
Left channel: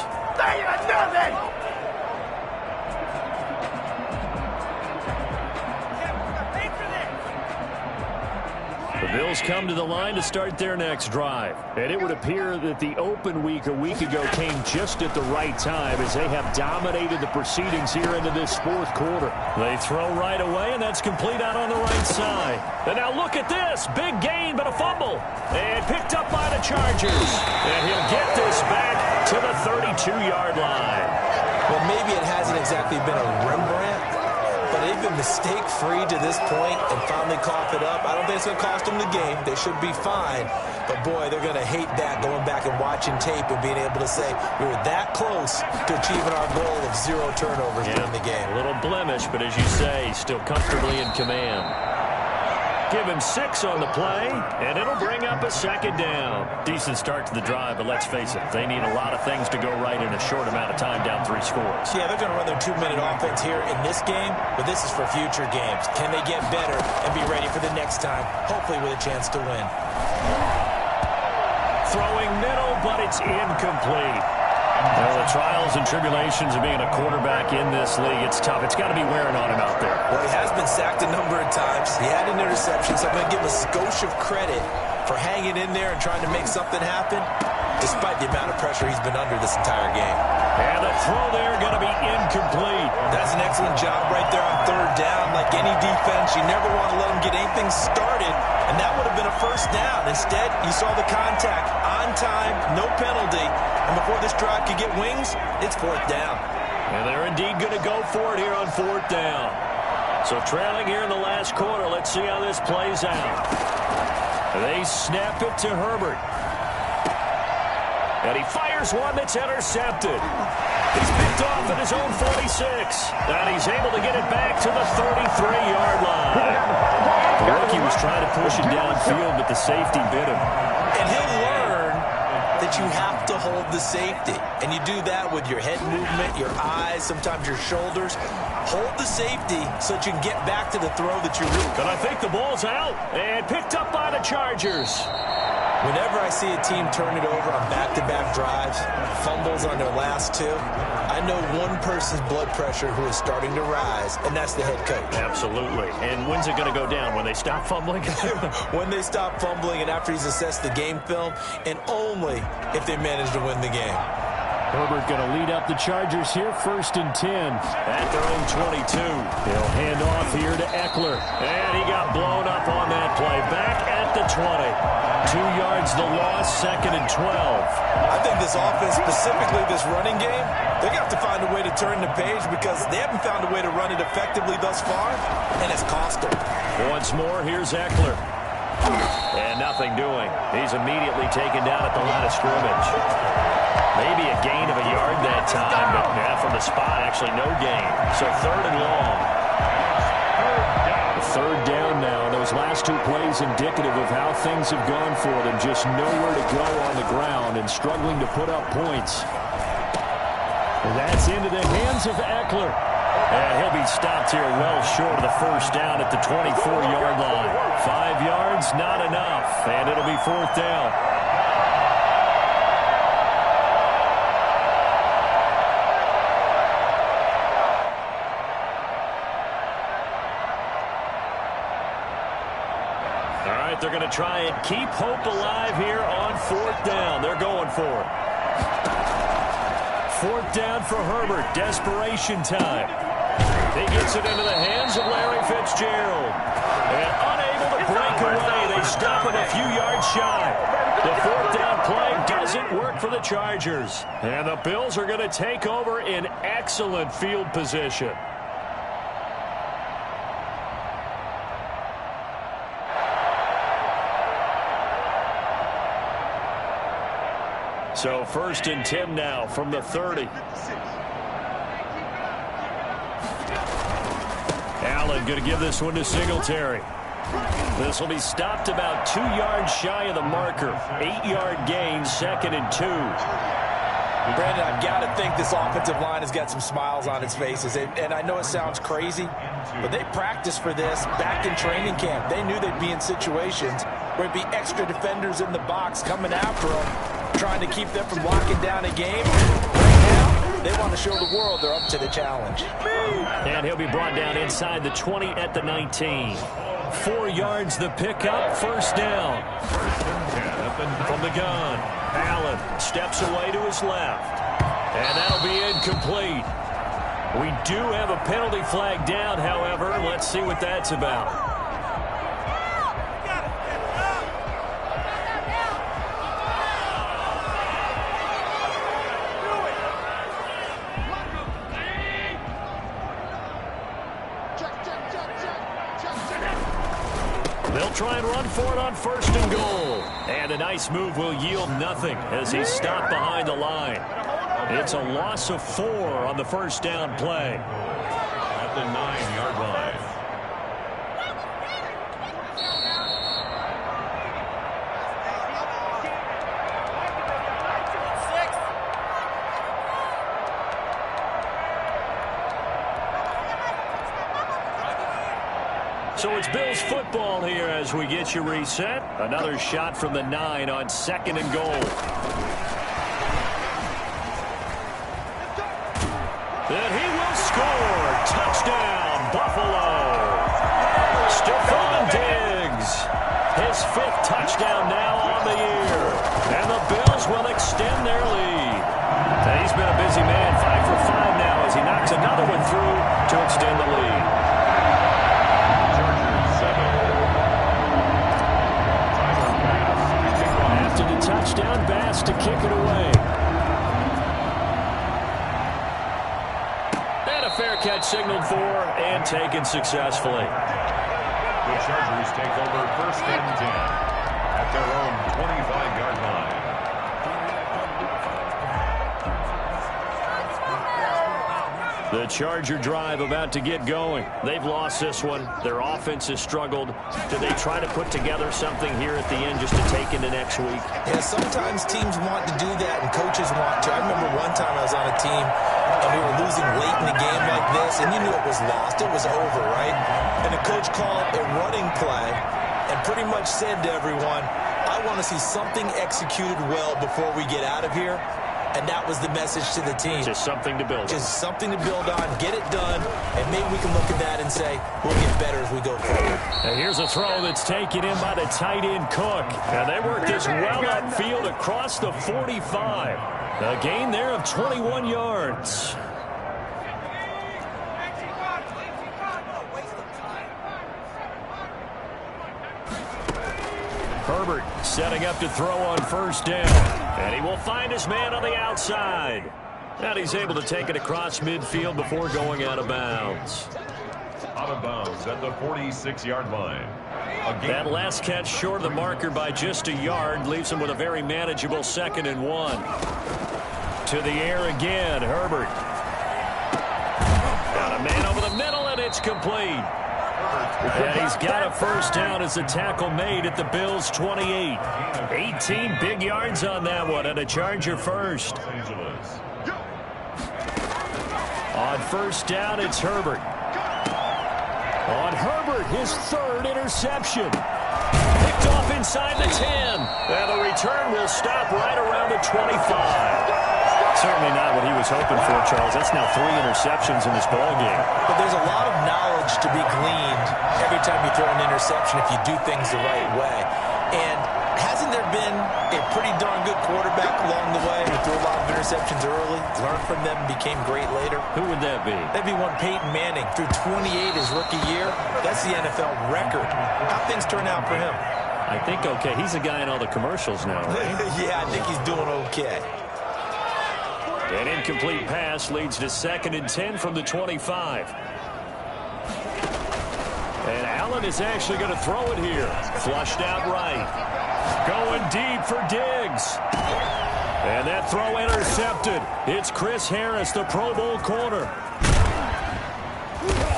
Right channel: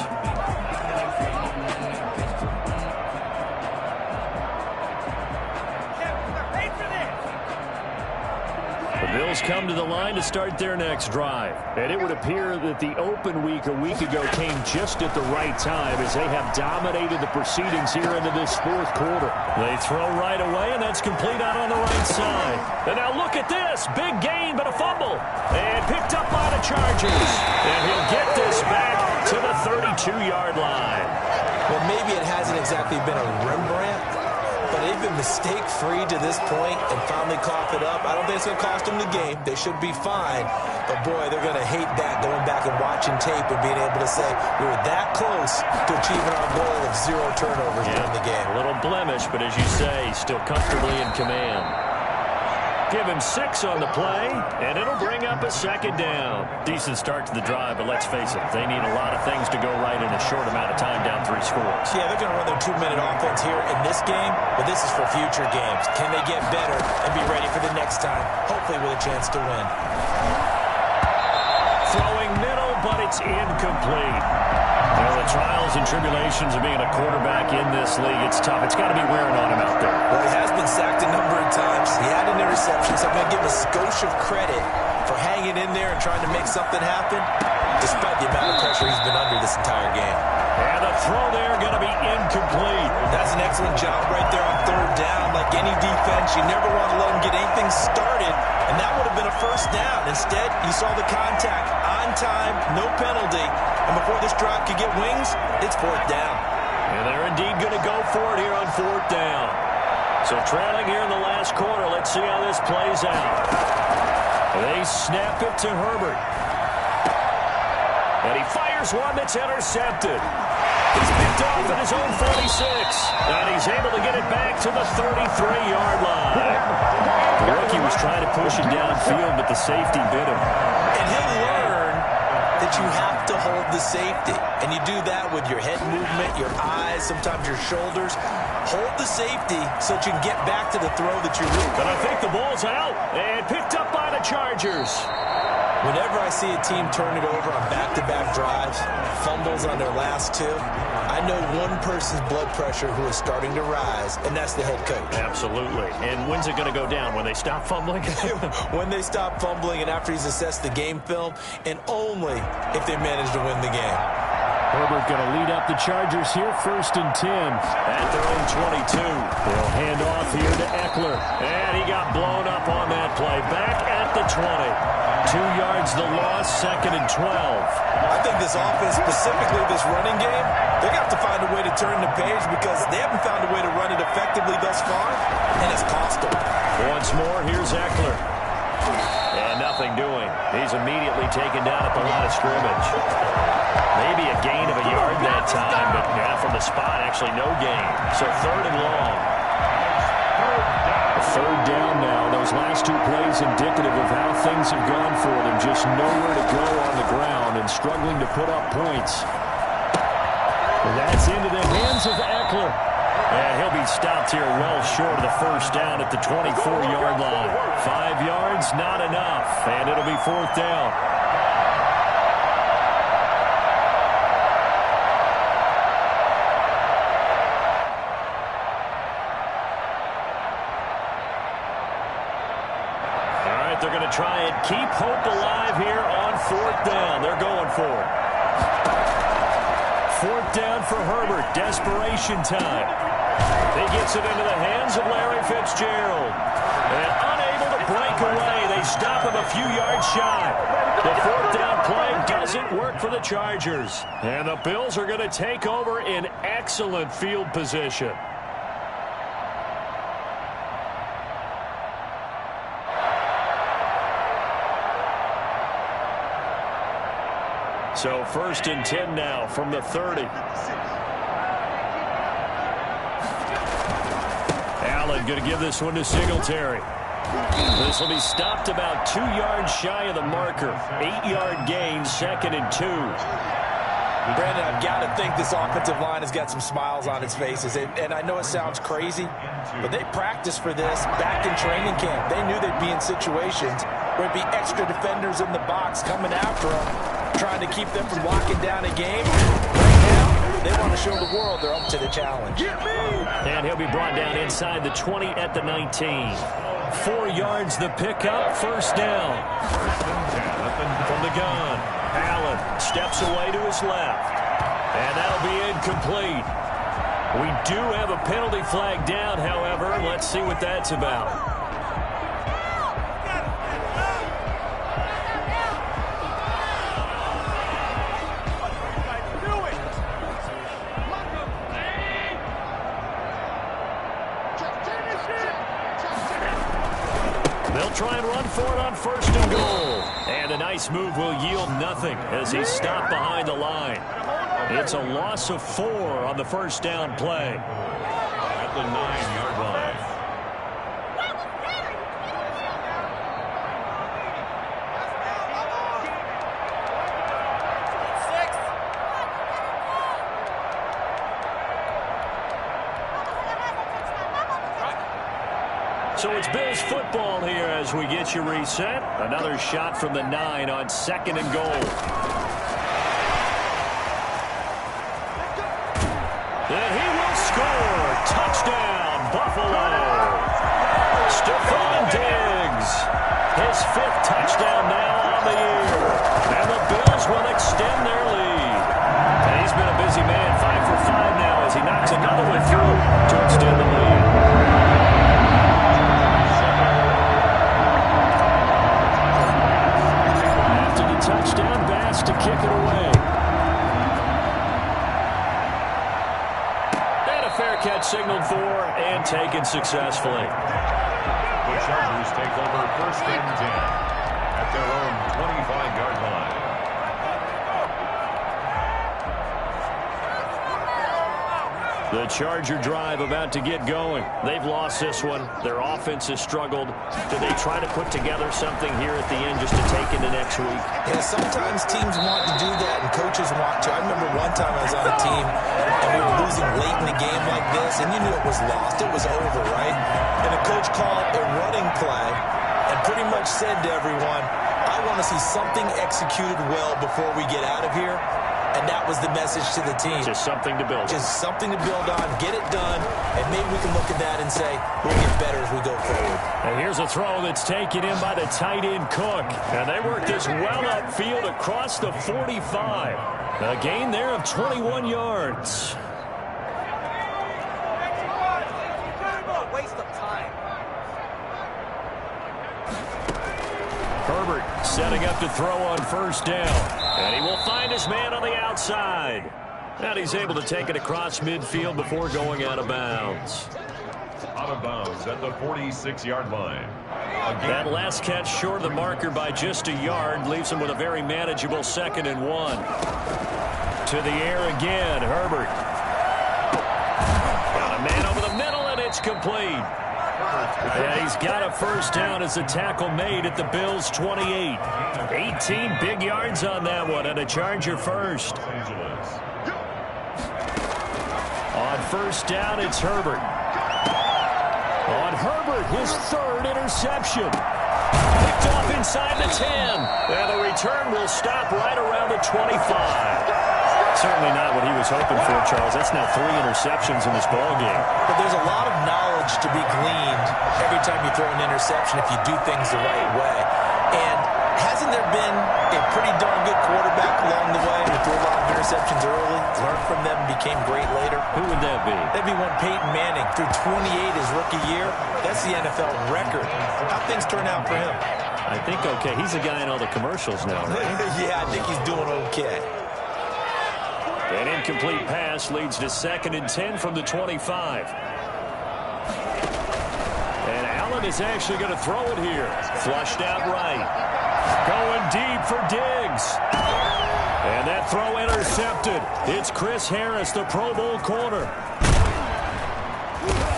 The The Bills come to the line to start their next drive. And it would appear that the open week a week ago came just at the right time as they have dominated the proceedings here into this fourth quarter. They throw right away, and that's complete out on the right side. And now look at this. Big gain, but a fumble. And picked up by the Chargers. And he'll get this back to the 32-yard line. Well, maybe it hasn't exactly been a Rembrandt, but they've been mistake-free to this point and finally cough it up. I don't think it's going to cost them the game. They should be fine. But, boy, they're going to hate that, going back and watching tape and being able to say we were that close to achieving our goal of 0 turnovers during the game. A little blemish, but as you say, still comfortably in command. Give him 6 on the play, and it'll bring up a second down. Decent start to the drive, but let's face it, they need a lot of things to go right in a short amount of time down 3 scores. Yeah, they're going to run their 2-minute offense here in this game, but this is for future games. Can they get better and be ready for the next time, hopefully with a chance to win? Throwing middle, but it's incomplete. Well, the trials and tribulations of being a quarterback in this league, it's tough. It's got to be wearing on him out there. Well, he has been sacked a number of times. He had an interception, so I'm going to give him a skosh of credit for hanging in there and trying to make something happen, despite the amount of pressure he's been under this entire game. And the throw there going to be incomplete. That's an excellent job right there on 3rd down. Like any defense, you never want to let them get anything started, and that would have been a 1st down. Instead, you saw the contact on time, no penalty, and before this drive could get wings, it's 4th down. And they're indeed going to go for it here on 4th down. So trailing here in the last quarter, let's see how this plays out. They snap it to Herbert. And he fires one that's intercepted. He's picked off at his own 46. And he's able to get it back to the 33-yard line. The rookie was trying to push it downfield, but the safety bit him. And he'll learn that you have to hold the safety. And you do that with your head movement, your eyes, sometimes your shoulders. Hold the safety so that you can get back to the throw that you're doing. But I think the ball's out and picked up by the Chargers. Whenever I see a team turn it over on back-to-back drives, fumbles on their last 2, I know one person's blood pressure who is starting to rise, and that's the head coach. Absolutely. And when's it going to go down? When they stop fumbling? When they stop fumbling and after he's assessed the game film, and only if they manage to win the game. Herbert going to lead up the Chargers here, 1st and 10. At their own 22. They'll hand off here to Eckler. And he got blown up on that play. Back at the 20. 2 yards the loss, 2nd and 12. I think this offense, specifically this running game, they're going to have to find a way to turn the page because they haven't found a way to run it effectively thus far, and it's cost them. Once more, here's Eckler. And nothing doing. He's immediately taken down at the line of scrimmage. Maybe a gain of a yard that time, but from the spot, actually no gain. So 3rd and long. A 3rd down now. Those last 2 plays indicative of how things have gone for them. Just nowhere to go on the ground and struggling to put up points. And that's into the hands of Eckler. And he'll be stopped here well short of the 1st down at the 24-yard line. 5 yards, not enough. And it'll be 4th down. All right, they're going to try and keep hope alive here on 4th down. They're going for it. 4th down for Herbert. Desperation time. He gets it into the hands of Larry Fitzgerald. And unable to break away. They stop him a few yards shy. The 4th down play doesn't work for the Chargers. And the Bills are going to take over in excellent field position. So 1st and 10 now from the 30. Allen going to give this one to Singletary. This will be stopped about 2 yards shy of the marker. 8-yard gain, 2nd and 2. Brandon, I've got to think this offensive line has got some smiles on its faces. And I know it sounds crazy, but they practiced for this back in training camp. They knew they'd be in situations where it'd be extra defenders in the box coming after them, trying to keep them from locking down a game. Right now, they want to show the world they're up to the challenge. And he'll be brought down inside the 20 at the 19. 4 yards the pickup, first down. From the gun, Allen steps away to his left. And that'll be incomplete. We do have a penalty flag down, however. Let's see what that's about. They'll try and run for it on first and goal. And a nice move will yield nothing as he's stopped behind the line. It's a loss of 4 on the first down play. At the 9-yard line. So it's Bills football here as we get you reset. Another shot from the 9 on second and goal. Then he will score. Touchdown, Buffalo. Stephon Diggs. His 5th touchdown now on the year. And the Bills will extend their lead. And he's been a busy man, 5 for 5 now as he knocks another one through to extend the lead. After the touchdown, Bass to kick it away. And a fair catch signaled for and taken successfully. The Chargers take over first and 10 at their own 25-yard line. The Charger drive about to get going. They've lost this one. Their offense has struggled. Do they try to put together something here at the end just to take into next week? Yeah, sometimes teams want to do that and coaches want to. I remember one time I was on a team and we were losing late in the game like this, and you knew it was lost. It was over, right? And the coach called a running play and pretty much said to everyone, I want to see something executed well before we get out of here. And that was the message to the team. Just something to build on. Just something to build on, get it done, and maybe we can look at that and say, we'll get better as we go forward. And here's a throw that's taken in by the tight end Cook. And they work this well upfield across the 45. A gain there of 21 yards. Herbert setting up to throw on first down. And he will find his man on the outside. And he's able to take it across midfield before going out of bounds. Out of bounds at the 46-yard line. That last catch short of the marker by just a yard leaves him with a very manageable 2nd and 1. To the air again, Herbert. Got a man over the middle, and it's complete. And he's got a first down as the tackle made at the Bills' 28. 18 big yards on that one, and a Charger first. On first down, it's Herbert. On Herbert, his 3rd interception. Picked off inside the 10. And the return will stop right around the 25. Certainly not what he was hoping for, Charles. That's now 3 interceptions in this ballgame. But there's a lot of knowledge to be gleaned every time you throw an interception if you do things the right way. And hasn't there been a pretty darn good quarterback along the way who threw a lot of interceptions early, learned from them, and became great later? Who would that be? That'd be one Peyton Manning. Threw 28 his rookie year. That's the NFL record. How'd things turn out for him? I think okay. He's a guy in all the commercials now, right? Yeah, I think he's doing okay. An incomplete pass leads to 2nd and 10 from the 25. And Allen is actually going to throw it here. Flushed out right. Going deep for Diggs. And that throw intercepted. It's Chris Harris, the Pro Bowl corner.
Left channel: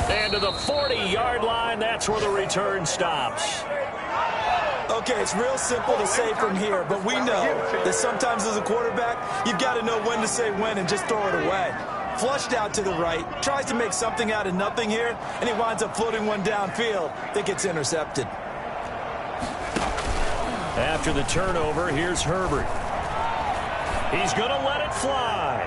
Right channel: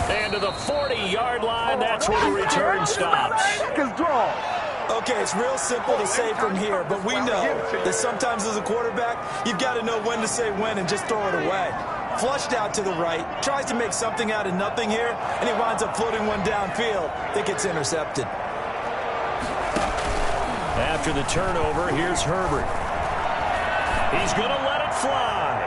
And to the 40-yard line, that's where the return stops. Okay, it's real simple to say from here, but we know that sometimes as a quarterback, you've got to know when to say when and just throw it away. Flushed out to the right, tries to make something out of nothing here, and he winds up floating one downfield that gets intercepted. After the turnover, here's Herbert. He's going to let it fly.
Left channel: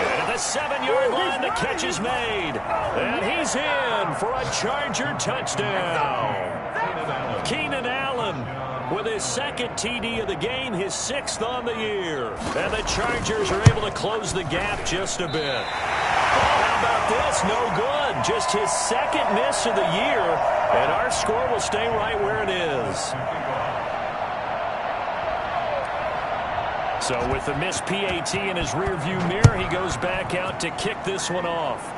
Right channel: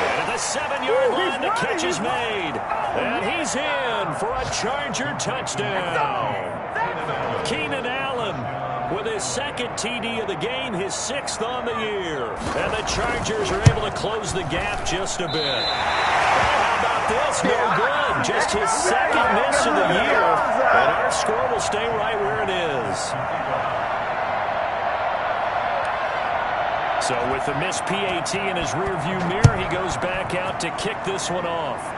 And at The 7-yard line, the catch is made. And he's in for a Charger touchdown. Keenan Allen with his second TD of the game, his 6th on the year. And the Chargers are able to close the gap just a bit. Oh, how about this? No good. Just his 2nd miss of the year. And our score will stay right where it is. So with the missed PAT in his rearview mirror, he goes back out to kick this one off.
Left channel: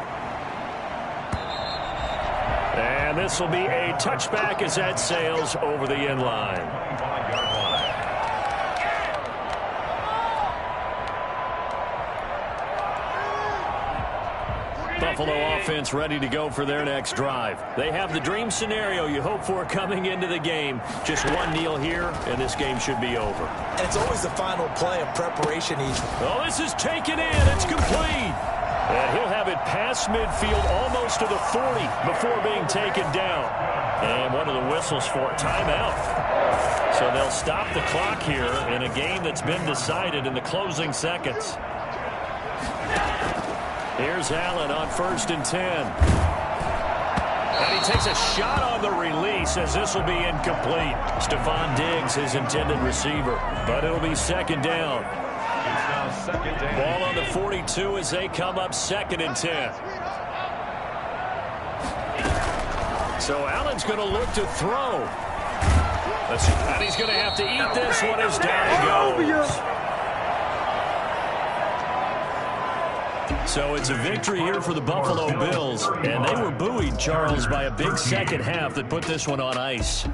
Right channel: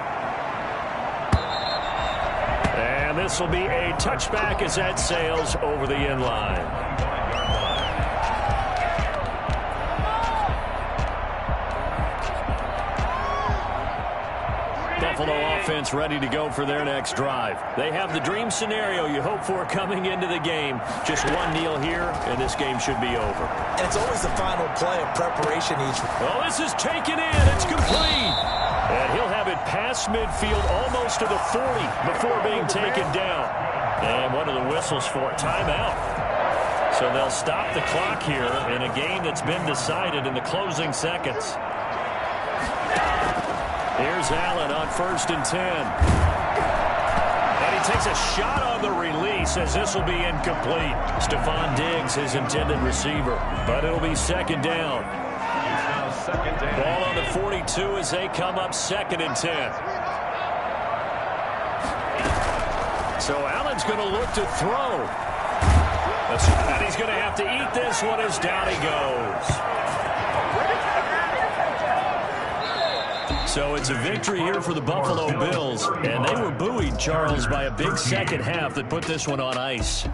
And this will be a touchback as that sails over the end line. Buffalo offense ready to go for their next drive. They have the dream scenario you hope for coming into the game. Just one kneel here, and this game should be over. And it's always the final play of preparation each. Oh, this is taken in. It's complete. And he'll have it past midfield almost to the 40 before being taken down. And what are the whistles for? Timeout. So they'll stop the clock here in a game that's been decided in the closing seconds. Here's Allen on 1st and 10. And he takes a shot on the release as this will be incomplete. Stephon Diggs, his intended receiver. But it'll be 2nd down. Ball on the 42 as they come up 2nd and 10. So Allen's going to look to throw. And he's going to have to eat this one as down he goes. So it's a victory here for the Buffalo Bills. And they were buoyed, Charles, by a big second half that put this one on ice.